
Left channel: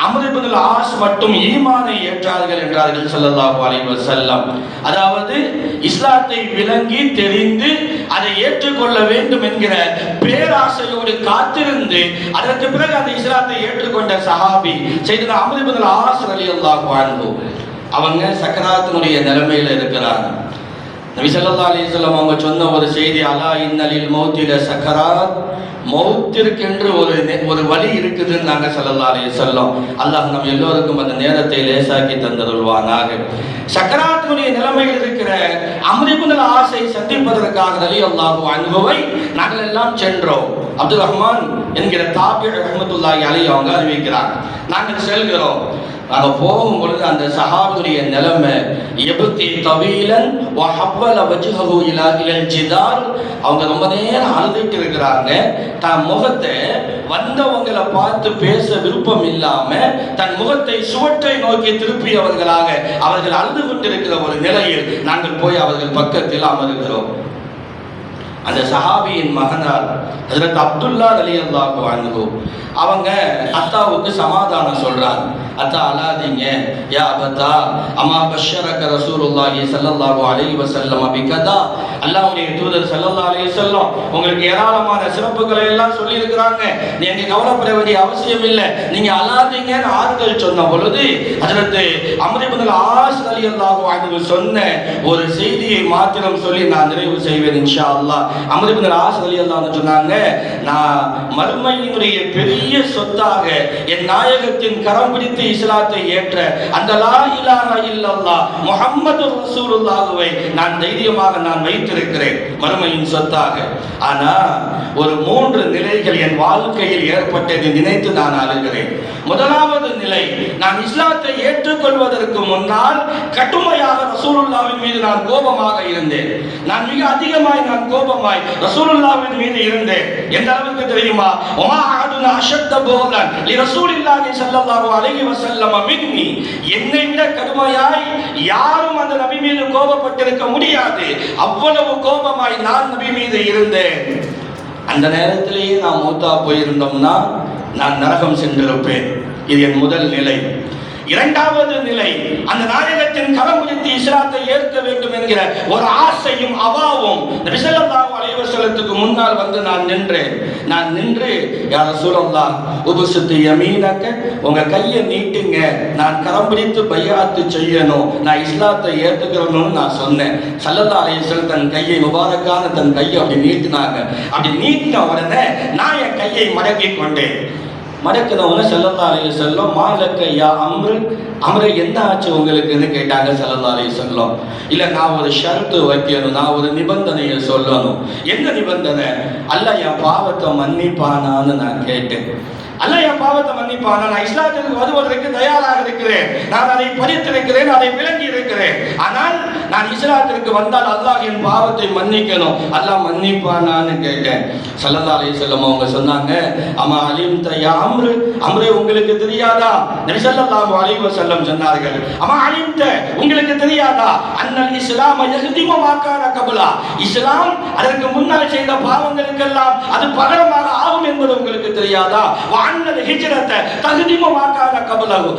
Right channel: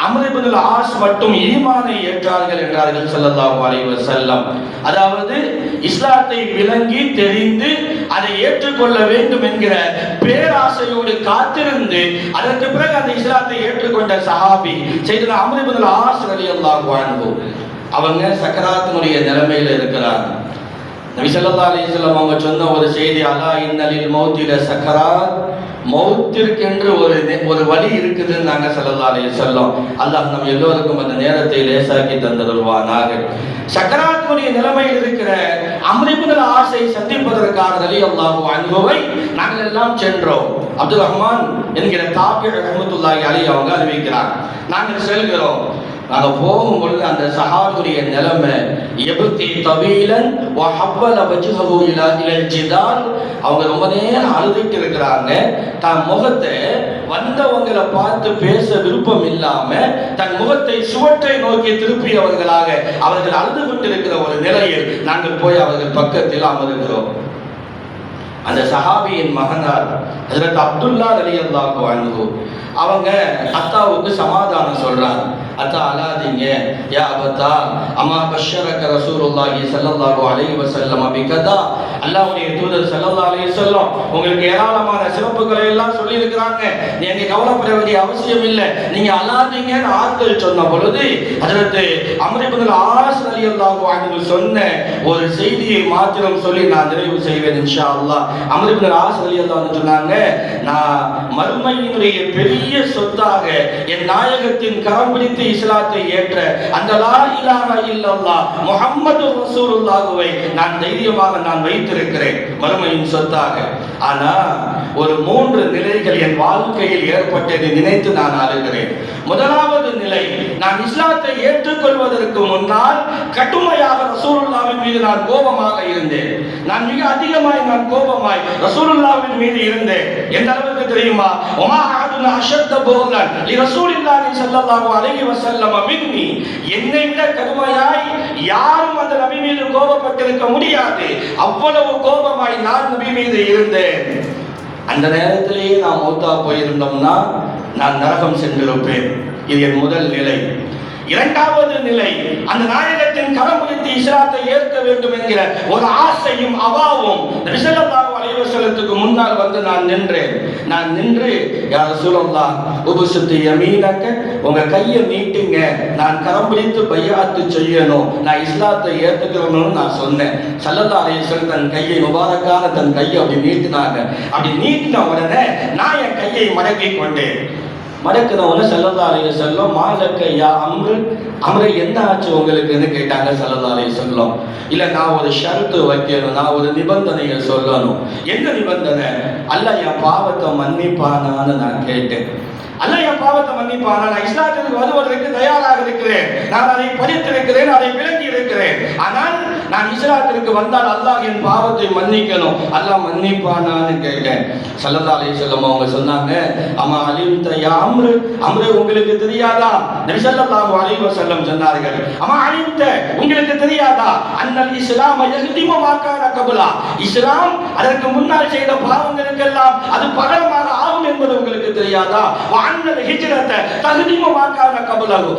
அம்ர் இப்னு ஆஸ் மட்டும் ஈமானை ஏற்றார்கள் என்றார்கள் ஸல்லல்லாஹு அலைஹி வஸல்லம். அதாவது இஸ்லாத்தை விளங்கி தெரிந்து அதை ஏற்றுக்கொள்ள வேண்டும் என்கிற பேராசையோடு காத்திருந்து அதற்கு பிறகு அந்த இஸ்லாத்தை ஏற்றுக்கொண்ட சஹாபி சையதுனா அம்ர் இப்னு ஆஸ் ரலியல்லாஹு அன்ஹு. அவங்க சக்கராத்தினுடைய நிலைமையில இருக்கிறாங்க. நபி ஸல்லல்லாஹு அலைஹி வஸல்லம் அவங்க சொன்ன ஒரு செய்தி, அலா இன்னலில் மௌத்தில சக்கராத், மௌத்திற்கென்று ஒரு வழி இருக்குதுன்னு நாங்கள் ஸல்லல்லாஹு அலைஹி வஸல்லம். அல்லாஹ் நம்ம எல்லோருக்கும் அந்த நேரத்தை லேசாக்கி தந்தருள்வானாக. சக்கராத்துடைய நிலைமையில் இருக்கிற அம்ர் இப்னு ஆஸை சந்திப்பதற்காக ரலியல்லாஹு அன்ஹுவை நாங்கள் எல்லாம் சென்றோம். அப்துல் ரஹ்மான் என்கிற தாபி ரஹ்மத்துல்லாஹி அலைஹி அவங்க அறிவிக்கிறார். நாங்கள் செல்கிறோம். நாங்கள் போகும் பொழுது அந்த சஹாபியுடைய நிலைமை எபுத்தி தவீலன் வ ஹவ்வல வஜ்ஹஹு இலா இல் ஜிதார். அவங்க ரொம்ப நேரம் அழுதுட்டு இருக்கிறாங்க. தன் முகத்தை வந்தவங்களை பார்த்து பேச விருப்பம் இல்லாம தன் முகத்தை சுவற்றை நோக்கி திருப்பியவர்களாக அவர்கள் அழுது கொண்டிருக்கிற ஒரு நிலையில் நாங்கள் போய் அவர்கள் பக்கத்தில் அமர்கிறோம். அந்த சஹாபியின் மகனார் ஹஜ்ரத் அப்துல்லா ரலியல்லாஹு அன்ஹு அவங்க அத்தாவுக்கு சமாதானம் சொல்றாங்க. அத்தா அழாதீங்க, யா அபத்தா அம்மா பஷரக ரசூலுல்லாஹி ஸல்லல்லாஹு அலைஹி வஸல்லம் பிகதா. அல்லாஹ்வுடைய தூதர் ஸல்லல்லாஹு அலைஹி வஸல்லம் உங்களுக்கு ஏராளமான சிறப்புகளை எல்லாம் சொல்லி இருக்கிறாங்க, நீங்க கவலைப்பட வேண்டிய அவசியம் இல்லை, நீங்க அழாதீங்கன்னு ஆறுதல் சொன்ன பொழுது ஹஜ்ரத் அம்ர் இப்னு ஆஸ் ரலியல்லாஹு அன்ஹு சொன்ன ஒரு செய்தியை மாத்திரம் சொல்லி நான் நிறைவு செய்வேன் இன்ஷா அல்லாஹ். அம்ர் இப்னு ஆஸ் ரலியல்லாஹு அன்ஹு சொன்னாங்க, நான் மறுமையினுடைய பெரிய சொத்தாக என் நாயகத்தின் கரம் பிடித்து இஸ்லாத்தை ஏற்ற அந்த லா இலாஹ இல்லல்லாஹ் முஹம்மது ரசூலுல்லாஹ்வை நான் தைரியமாக நான் வைத்திருக்கிறேன் மறுமையின் சொத்தாக. ஆனா ஒரு 3 நிலைகள் என் வாழ்க்கையில் ஏற்பட்டதை நினைத்து நான் அழுகிறேன். முதலாவது நிலை, நான் இஸ்லாத்தை ஏற்றுக்கொள்வதற்கு முன்னால் கடுமையாக ரசூலுல்லாஹ்வின் மீது நான் கோபமாக இருந்தேன். நான் மிக அதிகமாய் நான் கோபமாய் ரசூலுல்லாஹ்வின் மீது இருந்தேன். எந்த அளவுக்கு தெரியுமா? வமா அஹதுன் அஷத்த புகலன் லிரசூலில்லாஹி ஸல்லல்லாஹு அலைஹி வஸல்லம் மின்னி. என்னை விட கடுமையாய் யாரும் அந்த நபி மீது கோபப்பட்டிருக்க முடியாது. அவ்வளவு கோபமாய் நான் நபி மீது இருந்தேன். அந்த நேரத்திலேயே நான் மௌத்தா போயிருந்தோம்னா நான் நரகம் சென்றிருப்பேன். இது என் முதல் நிலை. இரண்டாவது நிலை, அந்த நாயகத்தின் கரம் பிடித்து இஸ்லாத்தை ஏற்க வேண்டும் என்கிற ஒரு ஆசையும் அவாவும் நபி ஸல்லல்லாஹு அலைஹி வஸல்லத்துக்கு முன்னால் வந்து நான் நின்றேன். நான் நின்று, யா ரசூலல்லாஹ் உபுஸ்து யமீனக, உங்க கையை நீட்டுங்க, நான் கரம் பிடித்து பையாத்து செய்யணும், நான் இஸ்லாத்தை ஏற்றுக்கிறேன்னு நான் சொன்னேன். ஸல்லல்லாஹு அலைஹி வஸல்லம் தன் கையை முபாரக்கான தன் கையை அப்படி நீட்டினாங்க. அப்படி நீட்டின உடனே நான் என் கையை மடக்கி கொண்டேன். மடக்கினவங்க ஸல்லல்லாஹு அலைஹி வஸல்லம் மாலக்க யா அம்ரு என்ன ஆச்சு உங்களுக்குன்னு கேட்டாங்க ஸல்லல்லாஹு அலைஹி வஸல்லம். இல்ல, நான் ஒரு ஷர்த்து வைக்கணும், நான் ஒரு நிபந்தனையை சொல்லணும். என்ன நிபந்தனை? அல்லாஹ் என் பாவத்தை மன்னிப்பானான்னு நான் கேட்டேன். அல்லாஹ் என் பாவத்தை மன்னிப்பானா, நான் இஸ்லாத்திற்கு வருவதற்கு தயாராக இருக்கிறேன், நான் அதை படித்திருக்கிறேன், அதை விளங்கி இருக்கிறேன். ஆனால் நான் இஸ்லாத்திற்கு வந்தால் அல்லாஹ் என் பாவத்தை மன்னிக்கணும், அல்லாஹ் மன்னிப்பானான்னு கேட்டேன். ஸல்லல்லாஹு அலைஹி வஸல்லம் அவங்க சொன்னாங்க, அம்மா அலிம்த யா அம்ரு, அம்ரே உங்களுக்கு தெரியாதா? நபி ஸல்லல்லாஹு அலைஹி வஸல்லம் சொன்னார்கள், அம்மா அலிம்த உங்களுக்கு தெரியாதா? அன்னல் இஸ்லாம் யஹ்திமு மா கான கப்லா. இஸ்லாம் அதற்கு முன்னால் செய்த பாவங்களுக்கெல்லாம் அது பகரமாக ஆகும் என்பது உங்களுக்கு தெரியாதா? அன்னல் ஹிஜ்ரத தஹ்திமு மா கான கப்லஹு.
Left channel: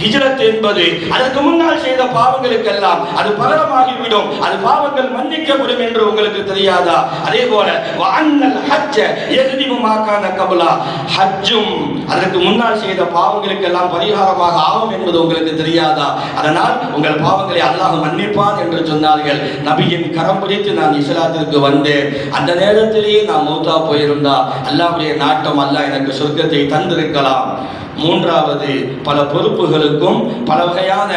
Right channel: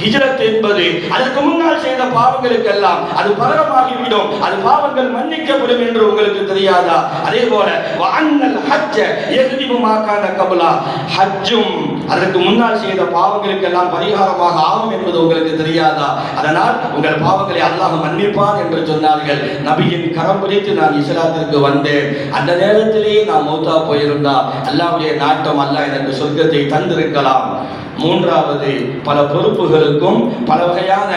ஹிஜ்ரத் என்பது அதற்கு முன்னால் செய்த பாவங்களுக்கெல்லாம் அது பகரமாகிவிடும், அது பாவங்கள் மன்னிக்கப்படும் என்று உங்களுக்கு தெரியாதா? அதே போல வஅன்னல் ஹஜ்ஜ யஹ்திமு மா கான கப்லா. ஹஜ்ஜும் அதற்கு முன்னால் செய்த பாவங்களுக்கெல்லாம் பரிகாரமாக ஆகும் என்பது உங்களுக்கு தெரியாதா? அதனால் உங்கள் பாவங்களை அல்லாஹ் மன்னிப்பான் என்று சொன்னார்கள். நபியின் கரம் பிடித்து நான் இஸ்லாத்திற்கு வந்தேன். அந்த நேரத்திலேயே நான் மௌத்தா போயிருந்தா அல்லாஹ்வுடைய நாட்டம், அல்லாஹ் எனக்கு சொர்க்கத்தை தந்திருக்கலாம். மூன்றாவது, பல பொறுப்புகளுக்கும் பல வகையான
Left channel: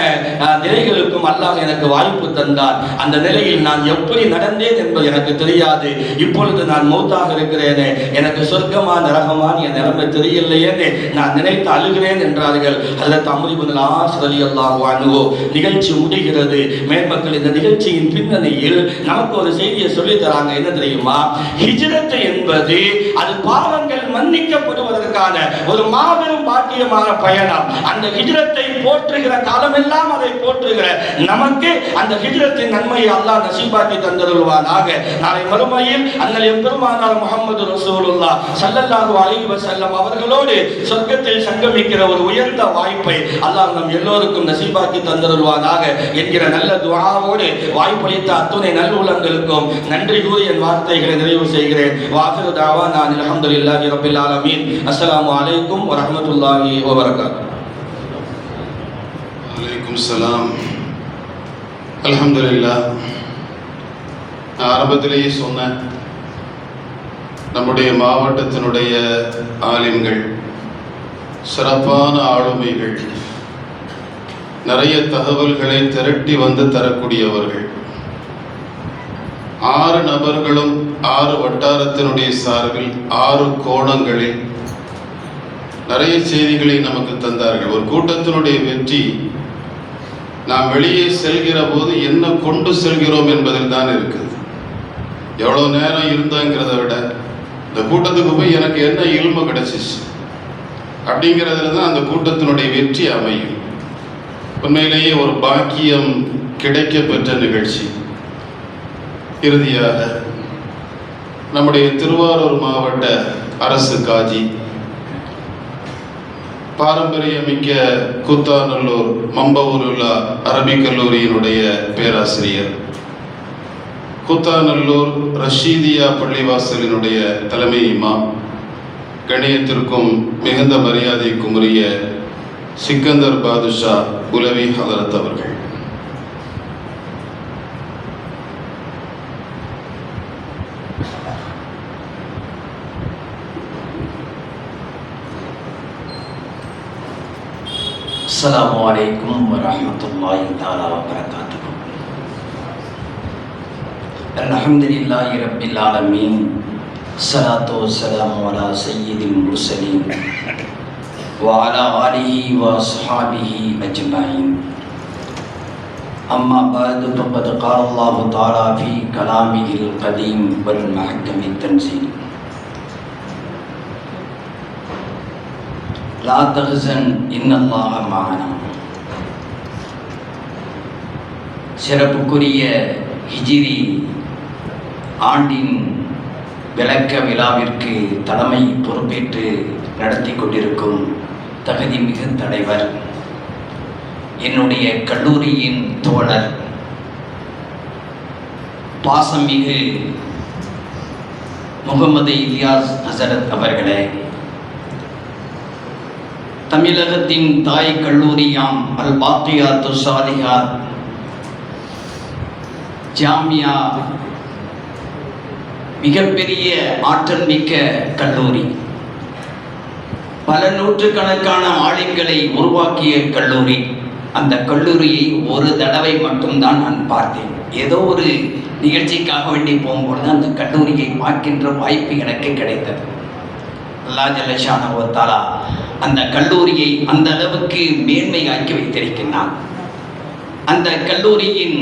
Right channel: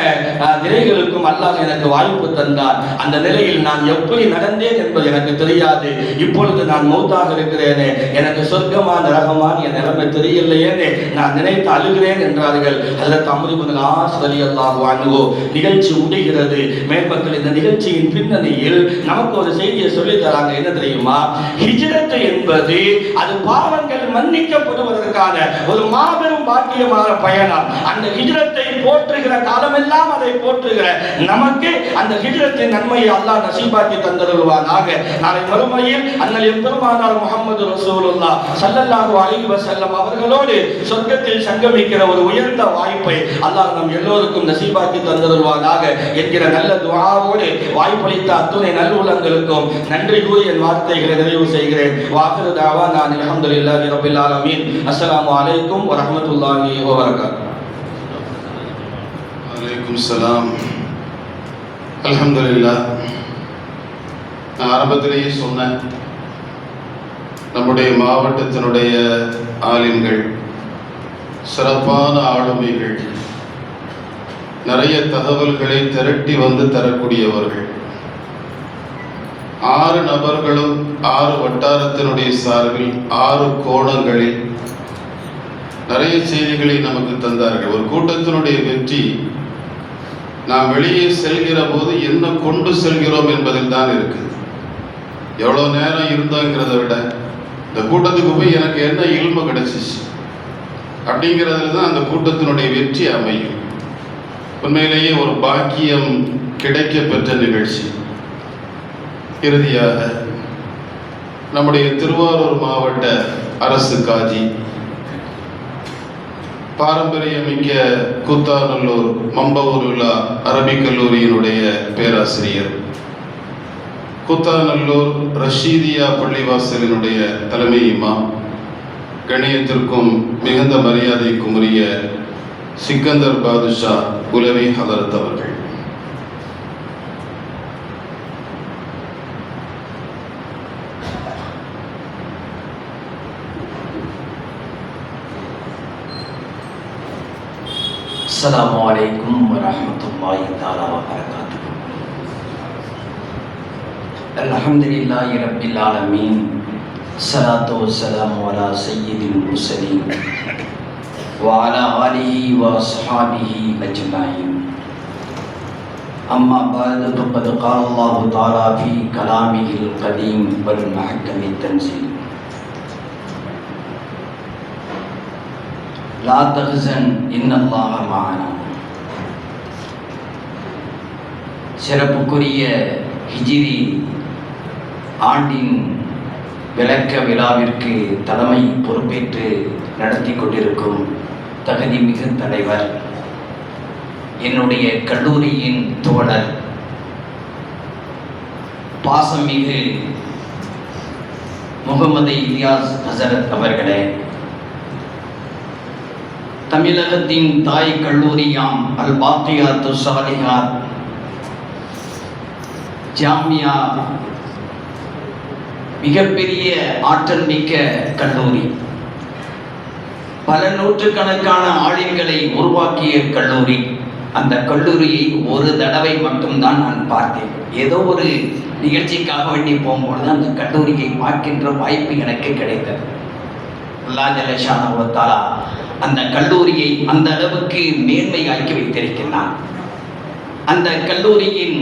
நிலைகளுக்கும் அல்லாஹ் எனக்கு வாய்ப்பு தந்தார். அந்த நிலையில் நான் எப்படி நடந்தேன் என்பது எனக்கு தெரியாது. இப்பொழுது நான் மௌத்தாக இருக்கிறேனே, எனக்கு சொர்க்கமா நரகமான் என் நிலைமை தெரியலையேன்னு நான் நினைத்து அழுகிறேன் என்றார்கள் ஹஜ்ரத் அம்ர் இப்னு ஆஸ் ரலியல்லாஹு அன்ஹு. நிகழ்ச்சி முடிகிறது. மேற்பக்கள் இந்த நிகழ்ச்சியின் பின்னணியில் நமக்கு ஒரு செய்தியை சொல்லி தராங்க. என்ன தெரியுமா? ஹிஜ்ரத் என்பது அது பாவங்கள் மன்னிக்கப்படுவதற்கான ஒரு மாபெரும் பாக்கியமான பயணம். அந்த ஹிஜ்ரத்தை போற்றுகிற காலமெல்லாம் அதை போற்றுகிற நமக்கு அந்த ஹிஜ்ரத்தின் நன்மையை அல்லாஹ் நசீபாக்கி தந்தருள்வானாக. நாளை மறுமையில் அண்ணல் எம்பெருமானார் முஹம்மது ரசூலுல்லாஹ் ஸல்லல்லாஹு அலைஹி வஸல்லம் அவர்களோடு சொர்க்கத்தில் சங்கமிக்கிற ஒரு உயர்ந்த வாய்ப்பை அல்லாஹ் நம் எல்லோருக்கும் நசீபாக்கி தந்தருள்வானாக என்கிற நல்ல துஆவோடு வாய்ப்பளித்த அத்துணை நல்லுள்ளங்களுக்கும் நன்றி கூறி என் வார்த்தைகளை நிறைவு செய்கிறேன். வாஃபிரு தஅவானா அல்ஹம்துலில்லாஹி ரப்பில் ஆலமீன். அஸ்ஸலாமு அலைக்கும் வரஹ்மத்துல்லாஹி வபரகாத்துஹு. அலைக்கும் ஸலாம். அல்ஹம்துலில்லாஹ். நான் ஆரம்பத்திலேயே சொன்னேன், நம்முடைய மாவட்டத்தினுடைய ஆலிம்கள் சிறப்பான ஆளுமைகள், நிறைய தகவல்களை திரட்டி வந்து தரக்கூடியவர்கள். 6 நபர்களும் 6 வட்டாரத்தினுடைய சார்பில் 6 கோணங்களில் நிறைய செய்திகளை நமக்கு தந்தார்கள். ஒரு கூட்டத்தினுடைய வெற்றி நாம் வெளியே செல்கிற போது என்ன கொண்டு செல்கிறோம் என்பதில் தான் இருக்குது. எவ்வளோ நேரம் இருந்தோங்கிறத விட இந்த கூட்டத்துக்கு போய் எனக்கு என்ன இல்மு கிடைச்சிச்சு அப்படிங்கிறதுல தான் அந்த கூட்டத்தினுடைய வெற்றி அமையும். உண்மையிலேயே ஒரு பாக்கியம் கிடைக்க பெற்ற நிகழ்ச்சி. இறுதியாக நம்முடைய திருவாரூர் மாவட்ட அரசு காஜி, பாரம்பரியமிக்க கூத்தாநல்லூர் மம்பவூருல்லா அரபிக் கல்லூரியினுடைய பேராசிரியர், கூத்தாநல்லூர் ரஷீதியா பள்ளிவாசலினுடைய தலைமை இமாம், கணியத்திற்கும் மிகுந்த மரியாதைக்கும் உரிய சிக்கந்தர் பாதுஷா உலவி ஹதரத் அவர்கள், அஸ்ஸலாமு அலைக்கும் வரஹ்மத்துல்லாஹி தஆலா வபரகாத்துஹு. அல்ஹம்துலில்லாஹி ரப்பில் ஆலமீன். ஸலாத்து வஸ்ஸலாமு அலா சய்யிதில் முர்ஸலீன் வ அலா ஆலிஹி வ அஸ்ஹாபிஹி அஜ்மஈன். அம்மா பஅது ஃபகத் क़ால அல்லாஹு தஆலா ஃபீ கலாமிஹில் கதீம் வல் முஹக்கமித் தன்ஸீல். லா தஹ்சன் இன்னல்லாஹ மஅனா. சிறப்புக்குரிய ஹிஜ்ரி ஆண்டின் விளக்க விழாவிற்கு தலைமை பொறுப்பேற்று நடத்தி கொண்டிருக்கும் தகுதி மிகு தலைவர், என்னுடைய கல்லூரியின் தோழர், பாசமிகு முகமது இலியாஸ் ஹசரத் அவர்களே, தமிழகத்தின் தாய் கல்லூரியாம் அல் பாக்கியாத்து சாலிஹாத் ஜாமியா மிகப்பெரிய ஆற்றல் மிக்க கல்லூரி, பல நூற்றுக்கணக்கான ஆளுங்களை உருவாக்கிய கல்லூரி. அந்த கல்லூரியை ஒரு தடவை மட்டும்தான் நான் பார்த்தேன். ஏதோ ஒரு நிகழ்ச்சிக்காக வேண்டி போகும்பொழுது அந்த கல்லூரியை பார்க்கின்ற வாய்ப்பு எனக்கு கிடைத்தது. அல்லாஹ் ஜல்ல ஷானஹு வ தஆலா அந்த கல்லூரியை அந்த அளவுக்கு மேன்மையாக்கி வைத்திருக்கிறார். அந்த கல்லூரியின்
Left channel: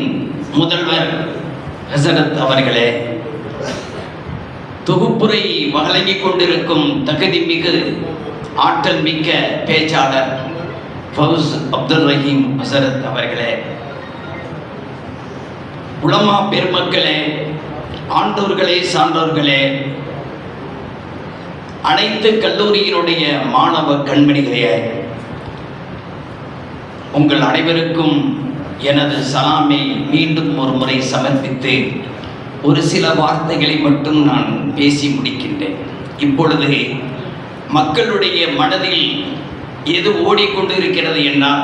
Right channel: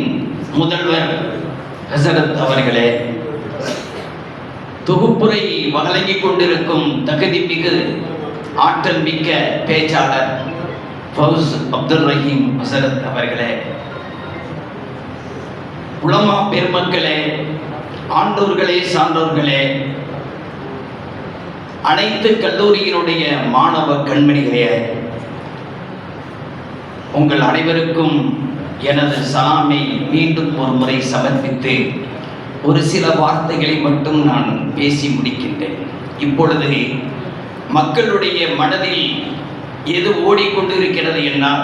முதல்வர் ஹசரத் அவர்களே, தொகுப்புரை வழங்கிக் கொண்டிருக்கும் தகுதி மிகு ஆற்றல் மிக்க பேச்சாளர் ஃபவுஸ் அப்துல் ரஹீம் ஹசரத் அவர்களே, உலமா பெருமக்களே, ஆண்டோர்களே, சான்றோர்களே, அனைத்து கல்லூரியினுடைய மாணவ கண்மணிகளே, உங்கள் அனைவருக்கும் எனது சலாமை மீண்டும் ஒரு முறை சமர்ப்பித்து ஒரு சில வார்த்தைகளை மட்டும் நான் பேசி முடிக்கின்றேன். இப்பொழுது மக்களுடைய மனதில் எது ஓடிக்கொண்டிருக்கிறது என்றால்,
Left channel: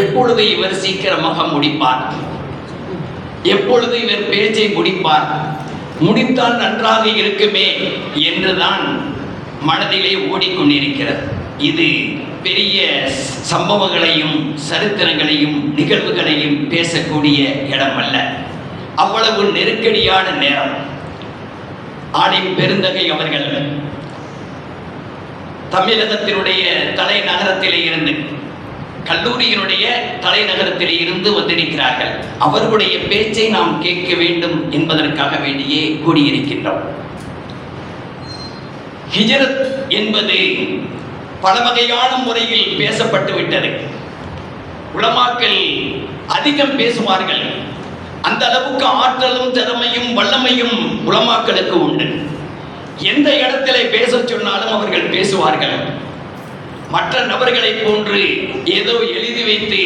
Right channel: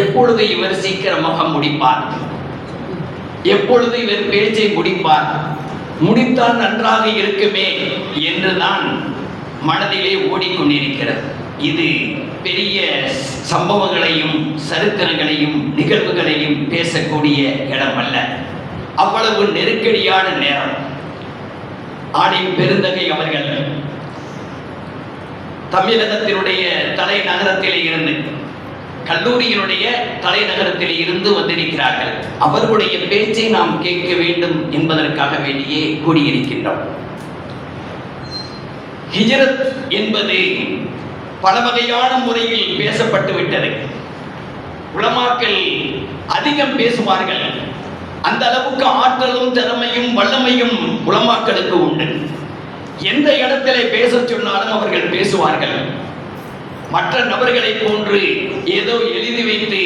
எப்பொழுது இவர் சீக்கிரமாக முடிப்பார், எப்பொழுது இவர் பேச்சை முடிப்பார், முடித்தால் நன்றாக இருக்குமே என்றுதான் மனதிலே ஓடிக்கொண்டிருக்கிறது. இது பெரிய சம்பவங்களையும் சரித்திரங்களையும் நிகழ்வுகளையும் பேசக்கூடிய இடம் அல்ல. அவ்வளவு நெருக்கடியான நேரம். ஆலிம் பெருந்தகை அவர்கள் தமிழகத்தினுடைய தலைநகரத்திலே இருந்து, கல்லூரியினுடைய தலைநகரத்திலே இருந்து வந்திருக்கிறார்கள். அவர்களுடைய பேச்சை நாம் கேட்க வேண்டும் என்பதற்காக வேண்டியே கூடியிருக்கின்றோம். ஹிஜ்ரத் என்பது பல வகையான முறையில் பேசப்பட்டு விட்டது. உலமாக்கள் அதிகம் பேசுவார்கள். அந்த அளவுக்கு ஆற்றலும் திறமையும் வல்லமையும் உலமாக்களுக்கு உண்டு. எந்த இடத்திலே பேச சொன்னாலும் அவர்கள் பேசுவார்கள். மற்ற நபர்களை போன்று ஏதோ எழுதி வைத்து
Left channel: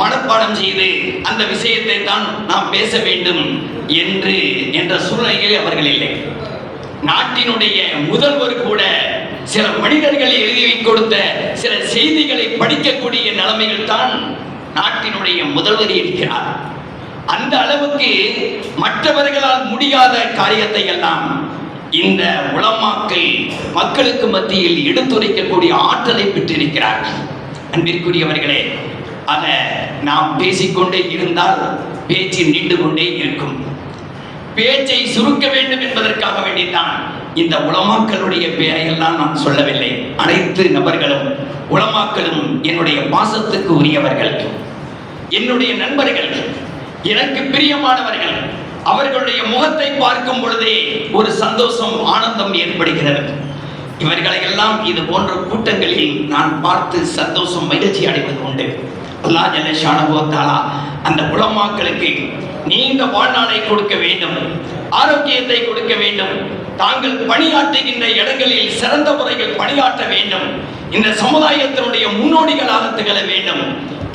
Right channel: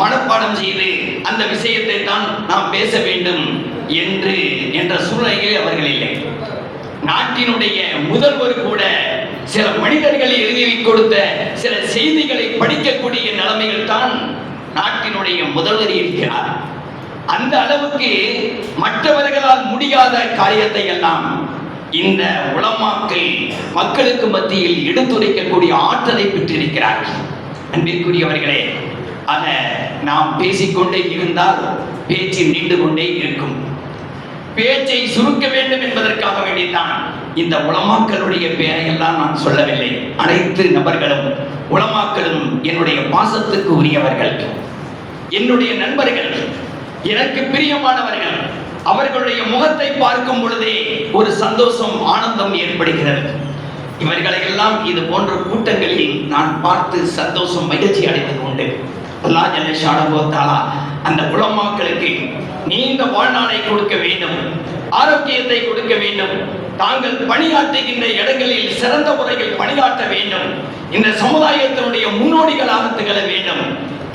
மனப்பாடம் செய்து அந்த விஷயத்தை தான் நாம் பேச வேண்டும் என்ற சூழ்நிலையில் அவர்கள் இல்லை. நாட்டினுடைய முதல்வர் கூட சில மனிதர்களை எழுதி கொடுத்த சில செய்திகளை படிக்கக்கூடிய நிலைமையில் தான் நாட்டினுடைய முதல்வர் இருக்கிறார். அந்த அளவுக்கு மற்றவர்களால் முடியாத காரியத்தை எல்லாம் இந்த உலமாக்கள் மக்களுக்கு மத்தியில் எடுத்துரைக்கக்கூடிய ஆற்றலை பெற்றிருக்கிறார்கள். அன்பிற்குரியவர்களே, ஆக நாம் பேசிக்கொண்டே இருந்தால் பேச்சு நீண்டு கொண்டே இருக்கும். பேச்சை சுருக்க வேண்டும் என்பதற்காக வேண்டித்தான் இந்த உலமாக்களுடைய பெயரையெல்லாம் நான் சொல்லவில்லை. அனைத்து நபர்களும் உலமாக்களும் என்னுடைய பாசத்துக்கு உரியவர்கள், என்னுடைய நண்பர்கள், எனக்கு பிரியமானவர்கள். அவர்களுடைய முகத்தை பார்க்கும் பொழுதே ஒரு சந்தோஷம், ஆனந்தம் ஏற்படுகிறது. இவர்களை எல்லாம் இது போன்ற கூட்டங்களில் நான் பார்த்து சந்தோஷம், மகிழ்ச்சி அடைவது உண்டு. அல்லாஹ் ஜல்ல ஷானஹு வ தஆலா அந்த உலமாக்களுக்கு நீண்ட வாழ்நாளை கொடுக்க வேண்டும், ஆரோக்கியத்தை கொடுக்க வேண்டும். தாங்கள் பணியாற்றுகின்ற இடங்களில் சிறந்த முறையில் பணியாற்ற வேண்டும். இந்த சமுதாயத்தினுடைய முன்னோடிகளாக திகழ வேண்டும்.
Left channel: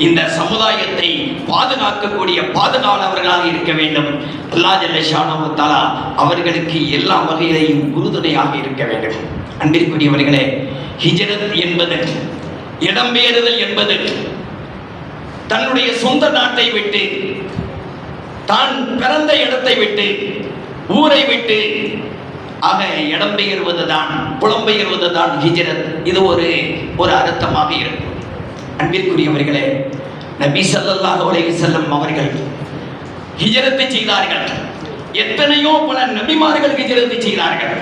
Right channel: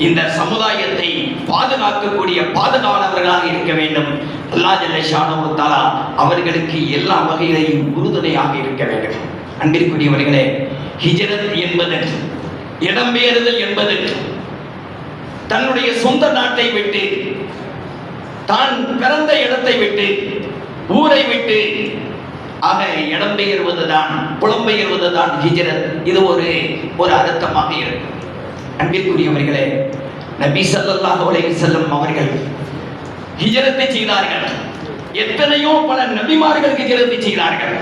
இந்த சமுதாயத்தை பாதுகாக்கக்கூடிய பாதுகாவலர்களாக இருக்க வேண்டும். அல்லாஹ் ஜல்ல ஷானஹு வ தஆலா அவர்களுக்கு எல்லா வகையிலும் உறுதுணையாக இருக்க வேண்டும். அன்பிற்குரியவர்களே, ஹிஜ்ரத் என்பது, இடம்பெயர்தல் என்பது, தன்னுடைய சொந்த நாட்டை விட்டு, தான் பிறந்த இடத்தை விட்டு, ஊரை விட்டு ஆக இடம்பெயர்வதுதான், புலம்பெயர்வதுதான் ஹிஜ்ரத். இது ஒரு அர்த்தமாக இருக்கும். அன்பிற்குரியவர்களே, நபி ஸல்லல்லாஹு அலைஹி வஸல்லம் அவர்கள் ஹிஜ்ரத்தை செய்தார்கள். எத்தனையோ பல நபிமார்கள் ஹிஜ்ரத்தை செய்தார்கள்.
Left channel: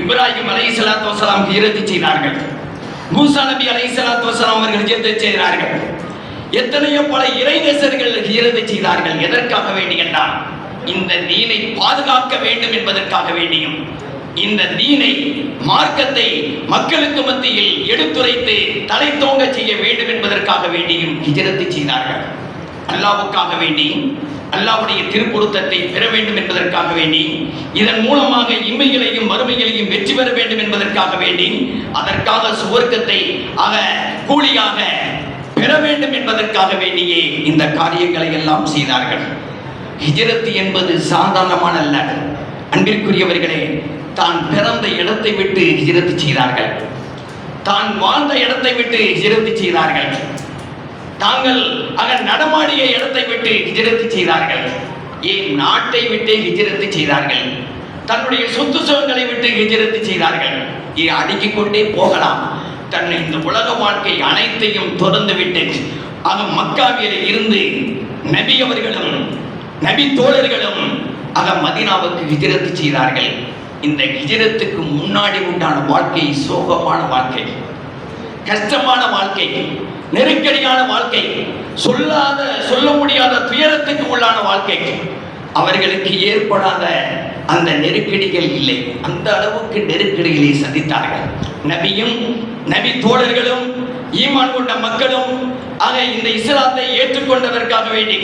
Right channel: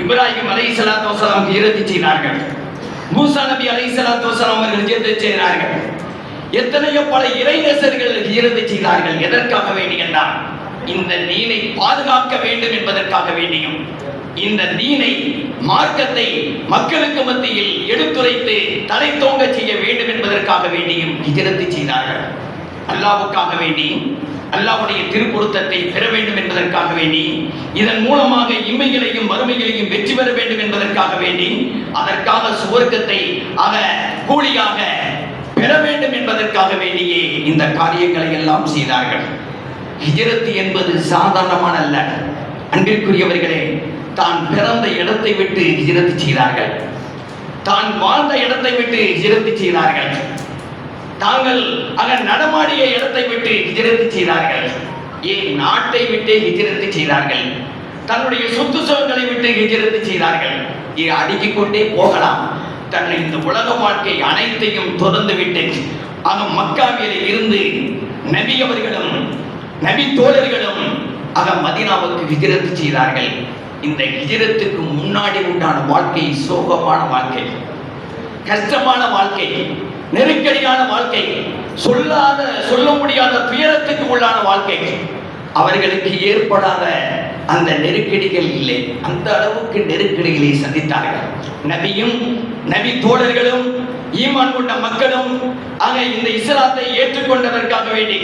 இப்ராஹிம் அலைஹிஸ்ஸலாத்து வஸலாம் ஹிஜ்ரத்தை செய்தார்கள். மூசா நபி அலைஹிஸ்ஸலாத்து வஸலாம் அவர்கள் ஹிஜ்ரத்தை செய்தார்கள். எத்தனையோ பல இறைநேசர்கள் ஹிஜ்ரத்தை செய்தார்கள். எதற்காக வேண்டி என்றால் இந்த தீனை பாதுகாக்க வேண்டும் என்பதற்காக வேண்டியும், இந்த தீனை, மார்க்கத்தை மக்களுக்கு மத்தியில் எடுத்துரைத்து தலை தோங்க செய்ய வேண்டும் என்பதற்காக வேண்டியும் ஹிஜ்ரத்தை செய்தார்கள். அல்லாஹ்வுக்காக வேண்டியும், அல்லாஹ்வுடைய திருப்பொருத்தத்தை பெற வேண்டும் என்பதற்காக வேண்டி, இதன் மூலமாக இம்மைகளையும் மறுமைகளையும் வெற்றி பெற வேண்டும் என்பதற்காக வேண்டி, அதற்காக சுவர்க்கத்தை கூலியாக பெற வேண்டும் என்பதற்காக வேண்டியே இந்த காரியங்களை எல்லாம் செய்தார்கள். ஹிஜ்ரத் என்பது சாதாரணமான அல்ல. அன்பிற்குரியவர்களே, தான் பிறந்த இடத்தை விட்டு ஹிஜ்ரத் செய்தார்கள். தான் வாழ்ந்த இடத்தை விட்டு ஹிஜ்ரத் செய்தார்கள். தாங்கள் நடமாடிய இடத்தை விட்டு ஹிஜ்ரத் செய்தார்கள். ஏன் நாட்டை விட்டு ஹிஜ்ரத் செய்தார்கள். தன்னுடைய சொத்து சுகங்களை விட்டு ஹிஜ்ரத் செய்தார்கள். அடுக்கிக் கொண்டே போகலாம். தன்னை இந்த உலக வாழ்க்கை அனைத்தையும் தொடர்ந்து விட்டு மக்காவிலே இருந்து நபி அவர்களும் நபி தோழர்களும் மதீனாவுக்கு ஹிஜ்ரத் செய்தார்கள். இந்த ஹிஜ்ரத்துக்கு முன்னாடி உண்டான வாழ்க்கை சோகமான வாழ்க்கை, கஷ்டமான வாழ்க்கை, நெருக்கடியான வாழ்க்கை, சொல்ல முடியாத துயரத்துக்கு உள்ளான வாழ்க்கை. அவர்களுக்கு ஏற்படாத அந்த நெருக்கடிகள் இல்லை. அந்த அளவுக்கு நெருக்கடிகளை சந்தித்தார்கள். நபியும் நபி தோழர்களும் ஈமான் கொண்ட மக்களும் இந்த இஸ்லாத்தை ஏற்றுக்கொண்டதற்காக வேண்டி,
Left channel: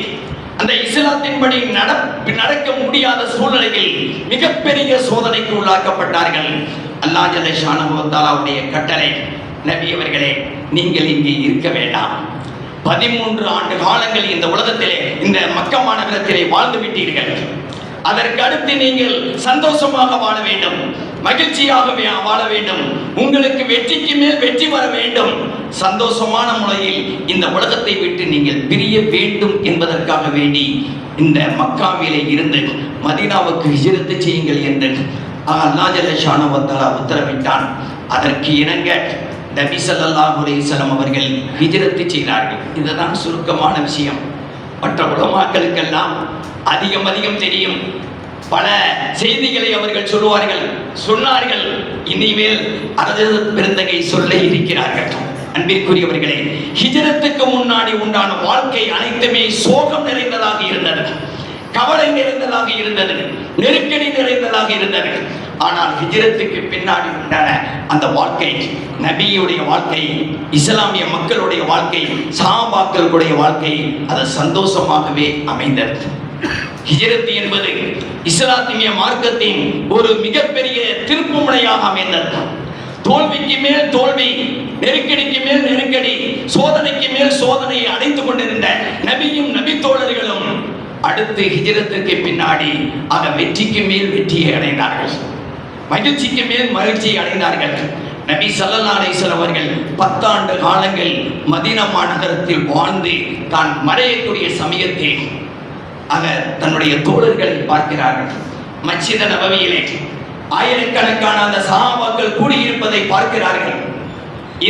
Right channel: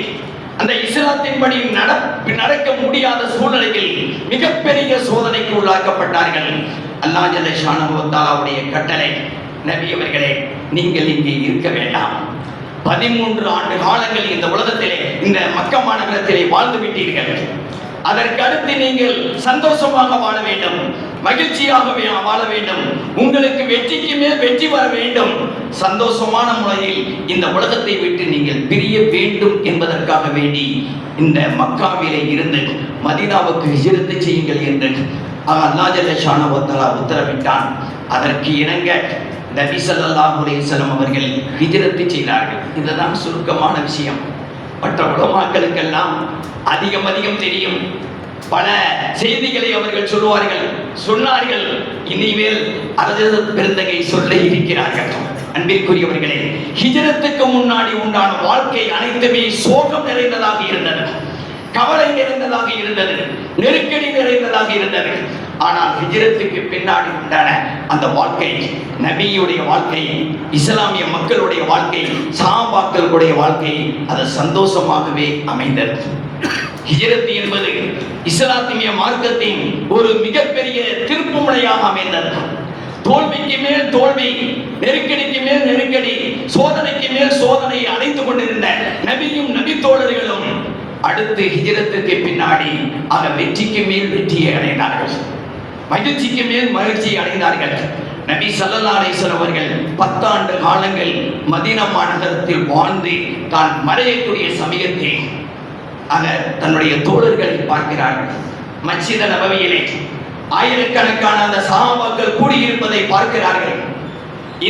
அந்த இஸ்லாத்தின்படி நடக்க முடியாத சூழ்நிலையில் மிகப்பெரிய சோதனைக்கு உள்ளாக்கப்பட்டார்கள். அல்லாஹ் ஜல்ல ஷானஹு வ தஆலாவுடைய கட்டளை, நபி அவர்களே, நீங்கள் இங்கே இருக்க வேண்டாம். 13 ஆண்டு காலங்கள் இந்த உலகத்திலே, இந்த மக்கா மாநகரத்திலே வாழ்ந்து விட்டீர்கள். அதற்கு அடுத்து நீங்கள் சந்தோஷமாக வாழ வேண்டும், மகிழ்ச்சியாக வாழ வேண்டும், உங்களுக்கு வெற்றிக்கு மேல் வெற்றி வர வேண்டும். சந்தோஷமான முறையில் இந்த உலகத்தை விட்டு நீங்கள் பிரிய வேண்டும் என்பதற்காக வேண்டி இந்த மக்காவிலே இருந்து மதீனாவுக்கு ஹிஜ்ரத் செய்யுங்கள் என்று அல்லாஹ் ஜல்ல ஷானஹு வ தஆலா உத்தரவிட்டான். அதற்கு இணங்க நபி ஸல்லல்லாஹு அலைஹி வஸல்லம் அவர்கள் ஹிஜ்ரத் செய்தார்கள். இதுதான் சுருக்கமான விஷயம். மற்ற உலமாக்களுக்கெல்லாம் அதிகம் தெரியும். பல செய்திகளை அவர்கள் சொன்னார்கள். இனிமேல் அரசு பெருந்தகை சொல்ல இருக்கிறார்கள். அன்பிற்குரியவர்களே, ஹிஜ்ரத்துக்கு முன்னாடி உண்டான வாழ்க்கை அனைத்துமே சோகம் நிறைந்ததாக இருந்தது, கவலை நிறைந்ததாக இருந்தது, நெருக்கடி நிறைந்ததாக இருந்தது. ஆனால் ஹிஜ்ரத்துக்கு பின்னாடி உண்டான அந்த வாழ்க்கை, நபியுடைய வாழ்க்கை, இஸ்லாமிய மக்களுடைய வாழ்க்கை, சஹாபாக்களுடைய வாழ்க்கை, அது சந்தோஷமாகவே அமைந்தது. ஹிஜ்ரத் என்பது இஸ்லாமிய மார்க்கத்தின் ஒரு மிகப்பெரிய திருப்புமுனையாக அமைந்தது. தோல்விக்கு மேல் தோல்வி, நெருக்கடிக்கு மேல் நெருக்கடி, சோதனைக்கு மேல் சோதனையை அடைந்து கொண்டிருந்த நபியும் நபி தோழர்களும் அடுத்து ஹிஜ்ரத்துக்கு பின்னாடி வெற்றிக்கு மேல் வெற்றியை அடைந்தார்கள், மகிழ்ச்சிக்கு மேல் மகிழ்ச்சியை அடைந்தார்கள். நபி ஸல்லல்லாஹு அலைஹி வஸல்லம் அவர்கள் 10 ஆண்டு காலங்கள் மதீனா மாநகரத்தில் வாழ்ந்து தான் மறையக்கூடிய சமயத்தில் தன்னுடைய தோழர்களை பார்க்கிறார்கள். மஸ்ஜித் நபவியிலே ஆயிரக்கணக்கான அந்த சஹாபாக்கள் கூடியிருப்பதை பார்க்கிறார்கள்.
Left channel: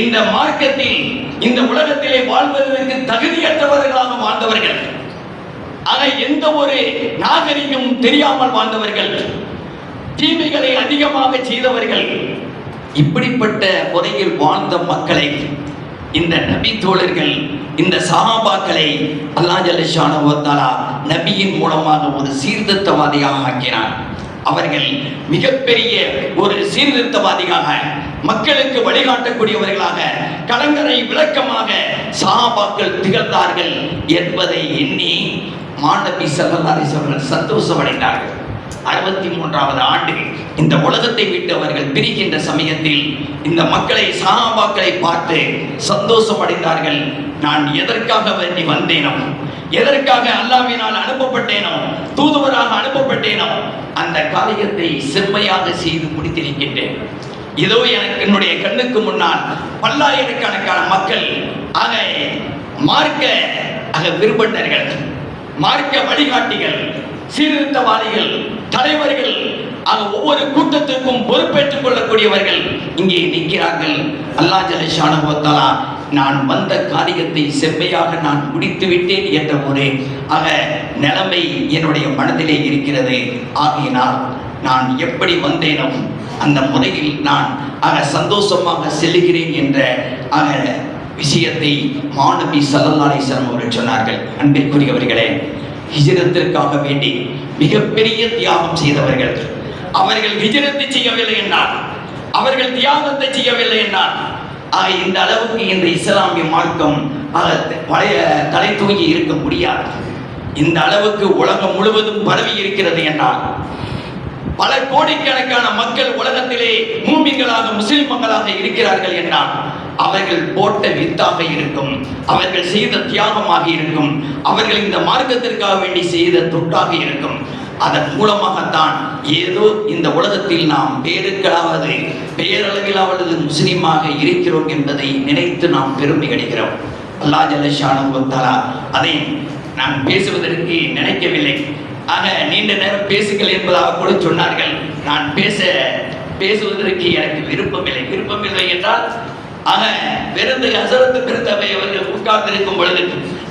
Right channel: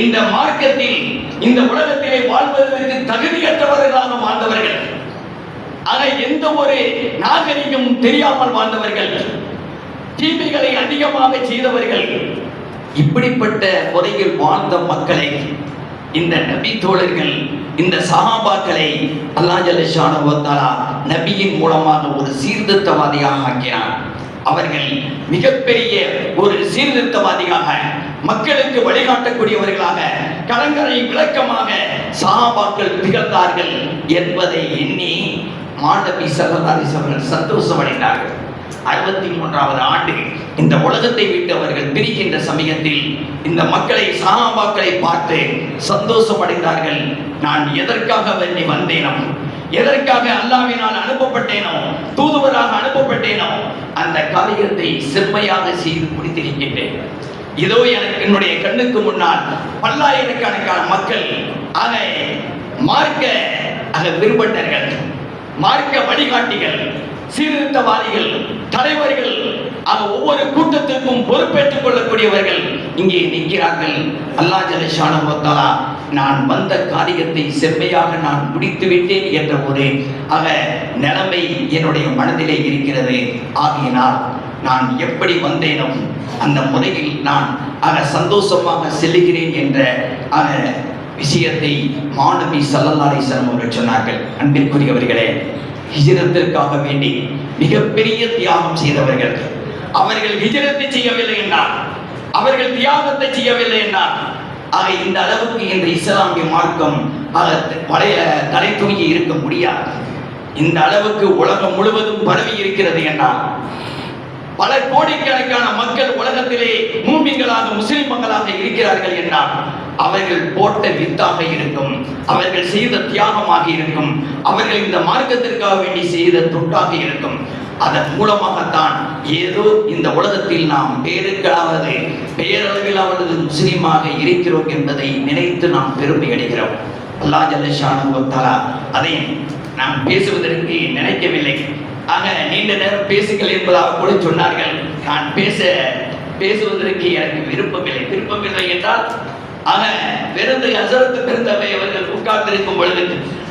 இந்த மார்க்கத்தில், இந்த உலகத்திலே வாழ்வதற்கு தகுதியற்றவர்களாக வாழ்ந்தவர்கள், எந்த ஒரு நாகரிகம் தெரியாமல் வாழ்ந்தவர்கள், தீமைகளை அதிகமாக செய்தவர்கள், இப்படிப்பட்ட முறையில் வாழ்ந்த மக்களை இந்த நபி தோழர்கள், இந்த சஹாபாக்களை அல்லாஹ் ஜல்ல ஷானஹு வ தஆலா நபியின் மூலமாக ஒரு சீர்திருத்தவாதியாக ஆக்கினார். அவர்கள் மிகப்பெரிய ஒரு சீர்திருத்தவாதியாக, மக்களுக்கு வழிகாட்டக்கூடியவர்களாக, கலங்கரை விளக்கமாக சஹாபாக்கள் திகழ்ந்தார்கள் என்பதை எண்ணி மாநபி ஸல்லல்லாஹு அலைஹி வஸல்லம் சந்தோஷமடைந்தார்கள். 63வது ஆண்டு இந்த உலகத்தை விட்டு அவர்கள் பிரிக்கின்ற சமயத்தில் இந்த மக்களை, சஹாபாக்களை பார்த்து சந்தோஷம் அடைந்தார்கள். நான் எதற்காக வேண்டி வந்தேனோ, எதற்காக அல்லாஹ்வினால் அனுப்பப்பட்டேனோ, தூதுவராக அனுப்பப்பட்டேனோ, அந்த காரியத்தை செம்மையாக செய்து முடித்திருக்கின்றேன். இதோ எனக்கு என்னுடைய கண்ணுக்கு முன்னால் பல்லாயிரக்கணக்கான மக்கள் மார்க்க விருப்பர்கள், மார்க்க வழிகாட்டிகள், சீர்திருத்தவாதிகள், தலைவர்கள், ஒவ்வொரு கூட்டத்திற்கும் பொறுப்பேற்றுக் கொள்ளக்கூடியவர்கள் இங்கே நிற்கிறார்கள். அல்லாஹ் ஜல்ல ஷானஹு வ தஆலா நான் வந்த காரியத்தை செம்மையாக நான் முடித்து விட்டேன் என்ற ஒரு நிலைமை என்னுடைய மனதிலே இருக்கிறது. ஆகையினால் நான் எப்படி வந்தேனோ அந்த முறையில் நான் சந்தோஷமாக செல்லுகிறேன் என்ற விஷயத்தை மாநபி ஸல்லல்லாஹு அலைஹி வஸல்லம் அவர்கள் சொன்னார்கள். அன்பிற்குரியவர்களே, ஹிஜ்ரத்திற்காக வேண்டி மிகப்பெரிய தியாகம் செய்தவர்கள். அவர்கள் ஹிஜ்ரத்தை செய்யவில்லை என்றால், அவர்கள் தியாகத்தை செய்யவில்லை என்றால், இந்த அளவுக்கு இந்த இஸ்லாமிய மார்க்கம் தலை தூங்கி இருக்க முடியாது. இந்த அளவுக்கு உலகம் முழுவதும் பரவி இருக்கிறது என்றால், பல கோடிக்கணக்கான மக்கள் உலகத்திலே மூமின்களாக, முஸ்லிம் மக்களாக இருக்கிறார்கள் என்றால், அவர்கள் போட்ட வித்தாக இருக்கும், அவர்கள் செய்த தியாகமாக இருக்கும், அவர்கள் இந்த மார்க்கத்திற்காக வேண்டி செய்த தொண்டாக இருக்கும். அதன் மூலமாகத்தான் ஏதோ இந்த உலகத்தில் நாம் பேரளவிலாவது முஸ்லீமாக இருக்கிறோம் என்பதை நினைத்து நாம் பெருமை அடைகிறோம். அல்லாஹ் ஜல்ல ஷானஹு வ தஆலா அதை நாம் பேசுவதற்கு நினைக்கவில்லை. நீண்ட நேரம் பேசுங்கள் என்பதாக கூட சொன்னார்கள். நான் பேசுவதற்கு எனக்கு விருப்பமில்லை என்றால் ஹஸரத் பெருந்தகை அவர்கள் உட்கார்ந்திருக்கும் பொழுது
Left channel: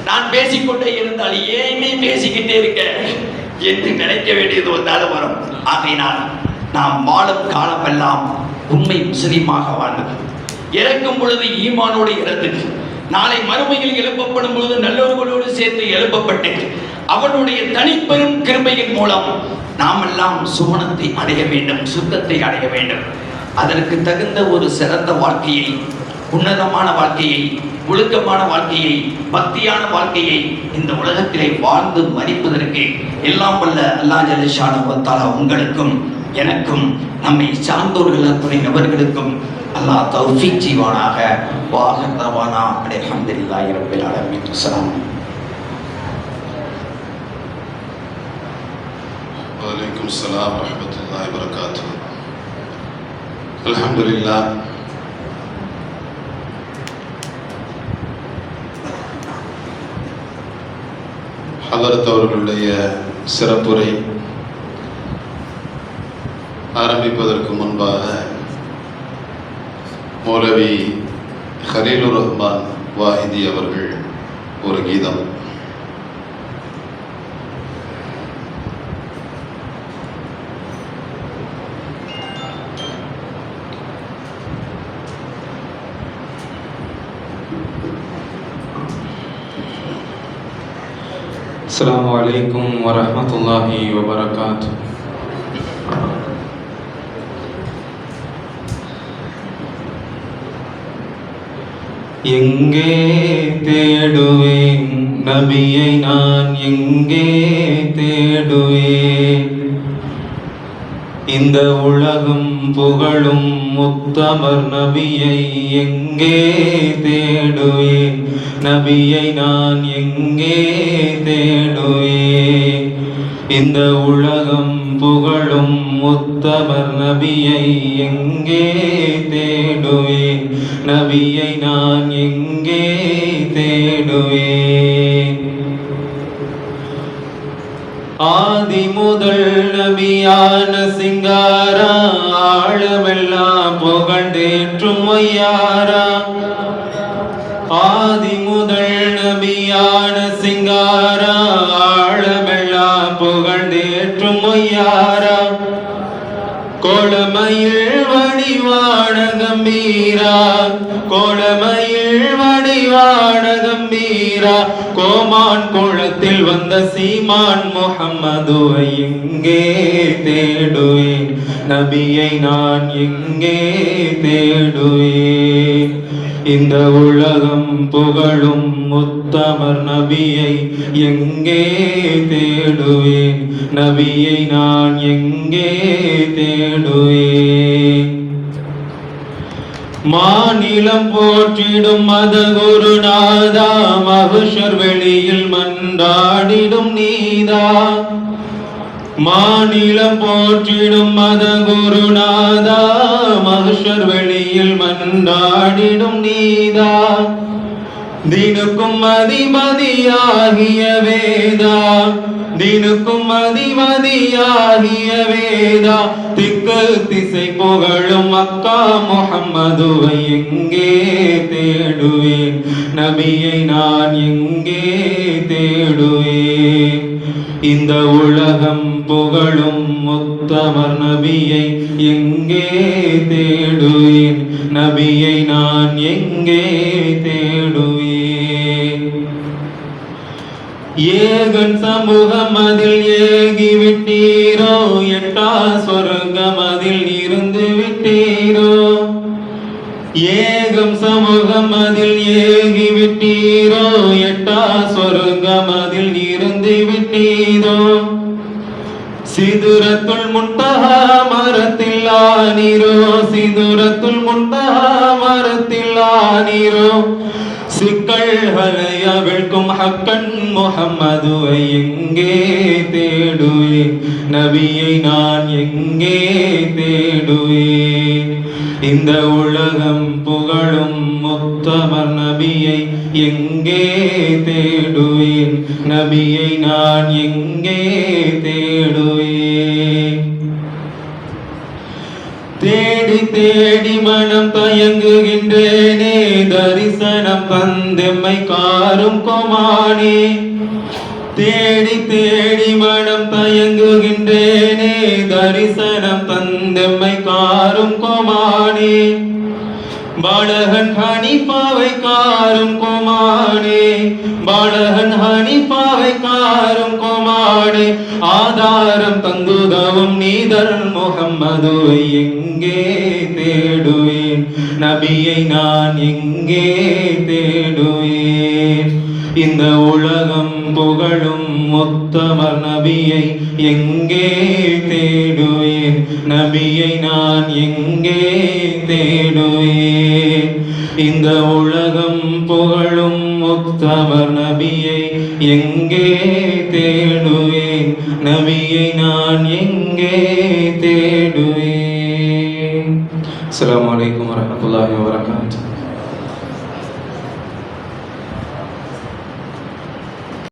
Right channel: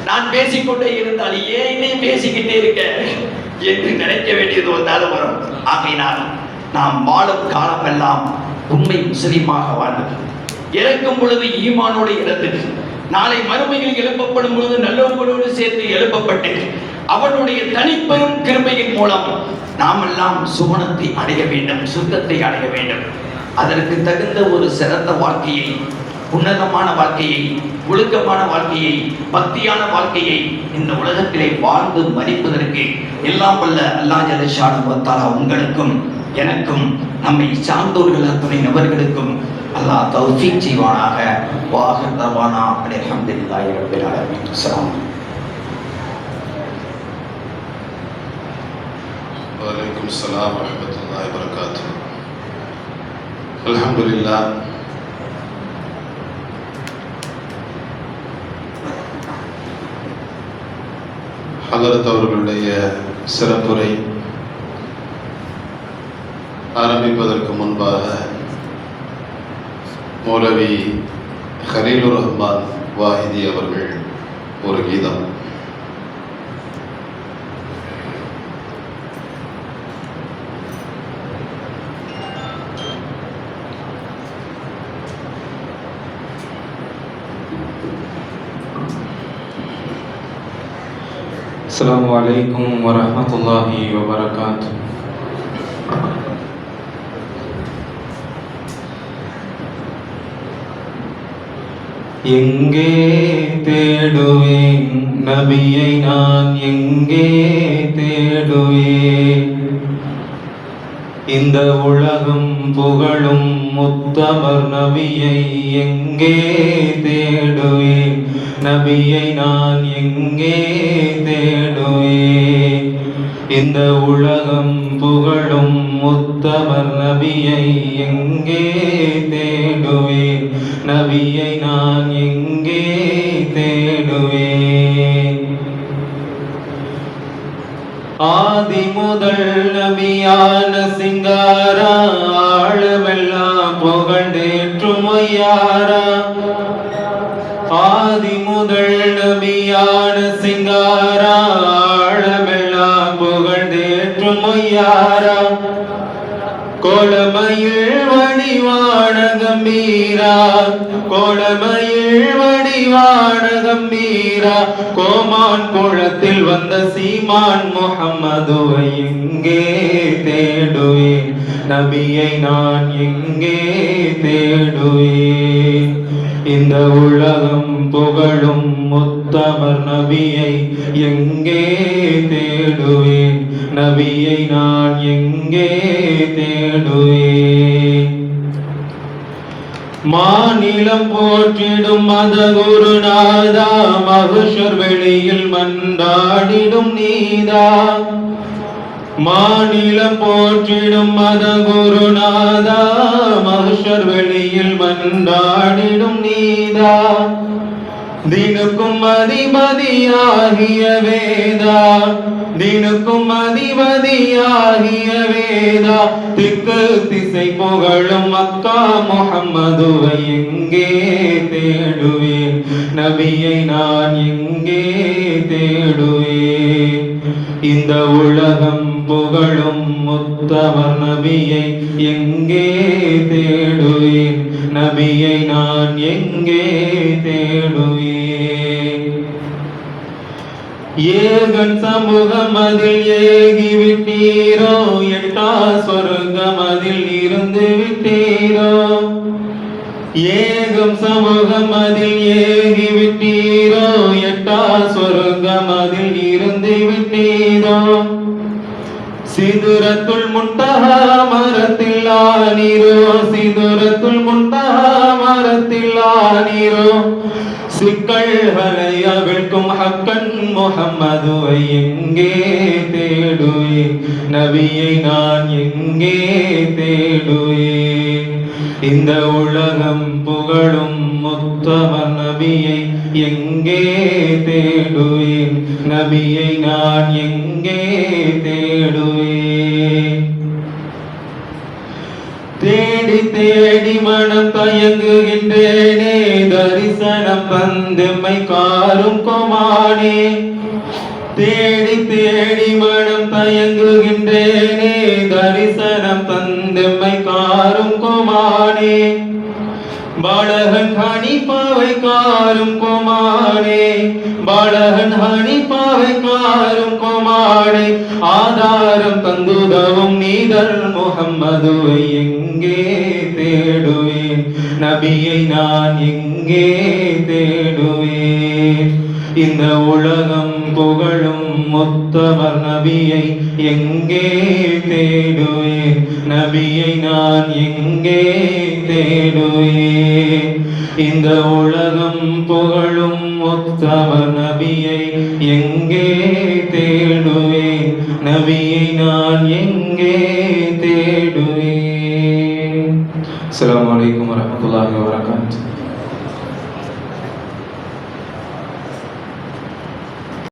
நான் பேசிக்கொண்டே இருந்தால் ஏனே பேசிக்கிட்டே இருக்க என்று நினைக்க வேண்டியது வந்தாலும் வரும். ஆகையினால் நாம் வாழும் காலமெல்லாம் உண்மை முஸ்லீமாக வாழ்வது, இறக்கும் பொழுது ஈமானோடு இறந்து, நாளை மறுமையில் எழுப்பப்படும் பொழுது நல்லவர்களோடு சேர்த்து எழுப்பப்பட்டு அவனுடைய தனிப்பெரும் கிருபையின் மூலம் நாம் எல்லாம் சுவனத்தை அடைய வேண்டும், சுத்தத்தை அடைய வேண்டும். அதற்கு தகுந்த ஒரு சிறந்த வாழ்க்கையை, உன்னதமான வாழ்க்கையை, ஒழுக்கமான வாழ்க்கையை, பக்தியான வாழ்க்கையை இந்த உலகத்திலே வாழ்ந்து மதிப்பதற்கு எல்லாம் வல்ல அல்லாஹ் ஜல்ல ஷானஹு வ தஆலா உங்களுக்கும் எனக்கும் நம்மை சார்ந்தோர்கள் அத்துணை நபர்களுக்கும் அல்லாஹ் தௌஃபீக் செய்வானாக. வாஹர் தவானா அல்ஹம்துலில்லாஹி ரப்பில் ஆலமீன். அஸ்ஸலாமு வலைக்கும் ஸலாம் வரஹ்மத்துல்லாஹி வபரகாத்துஹு. அல்ஹம்துலில்லாஹ். ஹதரத் அவர்களுடைய சிறப்புரை ஆரம்பிப்பதற்கு முன்பாக மௌலவி ஹலீலுர் ரஹ்மான் வாஹிதி அவர்கள் ஒரு கீதம். السلام عليكم ورحمة الله وبركاته. எங்கே தேடுவேன் நபியை நான் எங்கே தேடுவேன்? இந்த உலகம் புகழும் முத்தமர் நபியை எங்கே தேடுவேன்? நபியை நான் எங்கே தேடுவேன்? இந்த உலகம் புகழும் முத்தமர் நபியை எங்கே தேடுவேன்? நபியை நான் எங்கே தேடுவேன்? ஆதி முதல் நபியான சிங்காரா, ஆழமெல்லாம் புகழ்ந்தேற்றும் ஐயாரா. ஆதி முதல் நபியான சிங்காரா, ஆழமெல்லாம் புகழ்ந்தேற்றும் ஐயாரா. கோலமயில் வடிவான கம்பீரா, கோலமயில் வடிவான கம்பீரா. கோமான் குளத்தில் வந்த சீமான் முஹம்மதுவை எங்கே தேடுவேன்? நபியை நான் எங்கே தேடுவேன்? இந்த உலகம் புகழும் முத்தமர் நபியை எங்கே தேடுவேன்? நபியை நான் எங்கே தேடுவேன்? மாநிலம் போற்றிடும் மத குருநாதா, மகுஷர் வெளியில் மன்றாடிடும் நீதா. மாநிலம் போற்றிடும் மத குருநாதா, மகுஷர் வெளியில் மன்றாடிடும் நீதா. தினுக்கும் அதிபதியாகிய வேதா, தினுக்கும் அதிபதியாகிய வேதா. திக்கு திசை புகழும் மக்கா முஹம்மதுவை எங்கே தேடுவேன்? நபியை நான் எங்கே தேடுவேன்? இந்த உலகம் புகழும் முத்தமர் நபியை எங்கே தேடுவேன்? நபியை நான் எங்கே தேடுவேன்? ஏகன் சமூகம் அதில் ஏகி விட்டீரோ, எட்டா சொர்க்கம் அதில் இருந்து விட்டீரோ. ஏகம் சமூகம் அதில் ஏகி விட்டீரோ, எட்டா சொர்க்கம் அதில் இருந்து விட்டீரோ. சிதுரத்துல் முன்தஹா மரத்தில் ஆனீரோ, சிதுரத்துல் முன்தஹா மரத்தில் ஆனீரோ. சிக்கல்களை அவிழ்க்கும் ஹக்கன் முஹம்மதுவை எங்கே தேடுவேன்? நபியை நான் எங்கே தேடுவேன்? இந்த உலகம் புகழும் முத்தமர் நபியை எங்கே தேடுவேன்? நபியை நான் எங்கே தேடுவேன்? தேடி தேடி மனம் தயங்குகின்றேனே, தரிசனம் தந்தெம்மை காரும் கோமானே. தேடி தேடி மனம் தயங்குகின்றேனே, தரிசனம் தந்தெம்மை காரும் கோமானே. பாலகன் ஹனீஃபாவை காரும் கோமானே, பாலகன் ஹனீஃபாவை காரும் கோமானே. ஆதாரம் தந்துதவும் நீதல் முஹம்மதுவை எங்கே தேடுவேன்? நபியை நான் எங்கே தேடுவேன்? இந்த உலகம் புகழும் முத்தமர் நபியை எங்கே தேடுவேன்? நபியை நான் எங்கே தேடுவேன்? இந்த உலகம் புகழும் முத்தமர் நபியை எங்கே தேடுவேன்? நபியை நான் எங்கே தேடுவேன்? அஸ்ஸலாமு அலைக்கும் வரஹ்மத்துல்லாஹி வபரகாத்துஹு.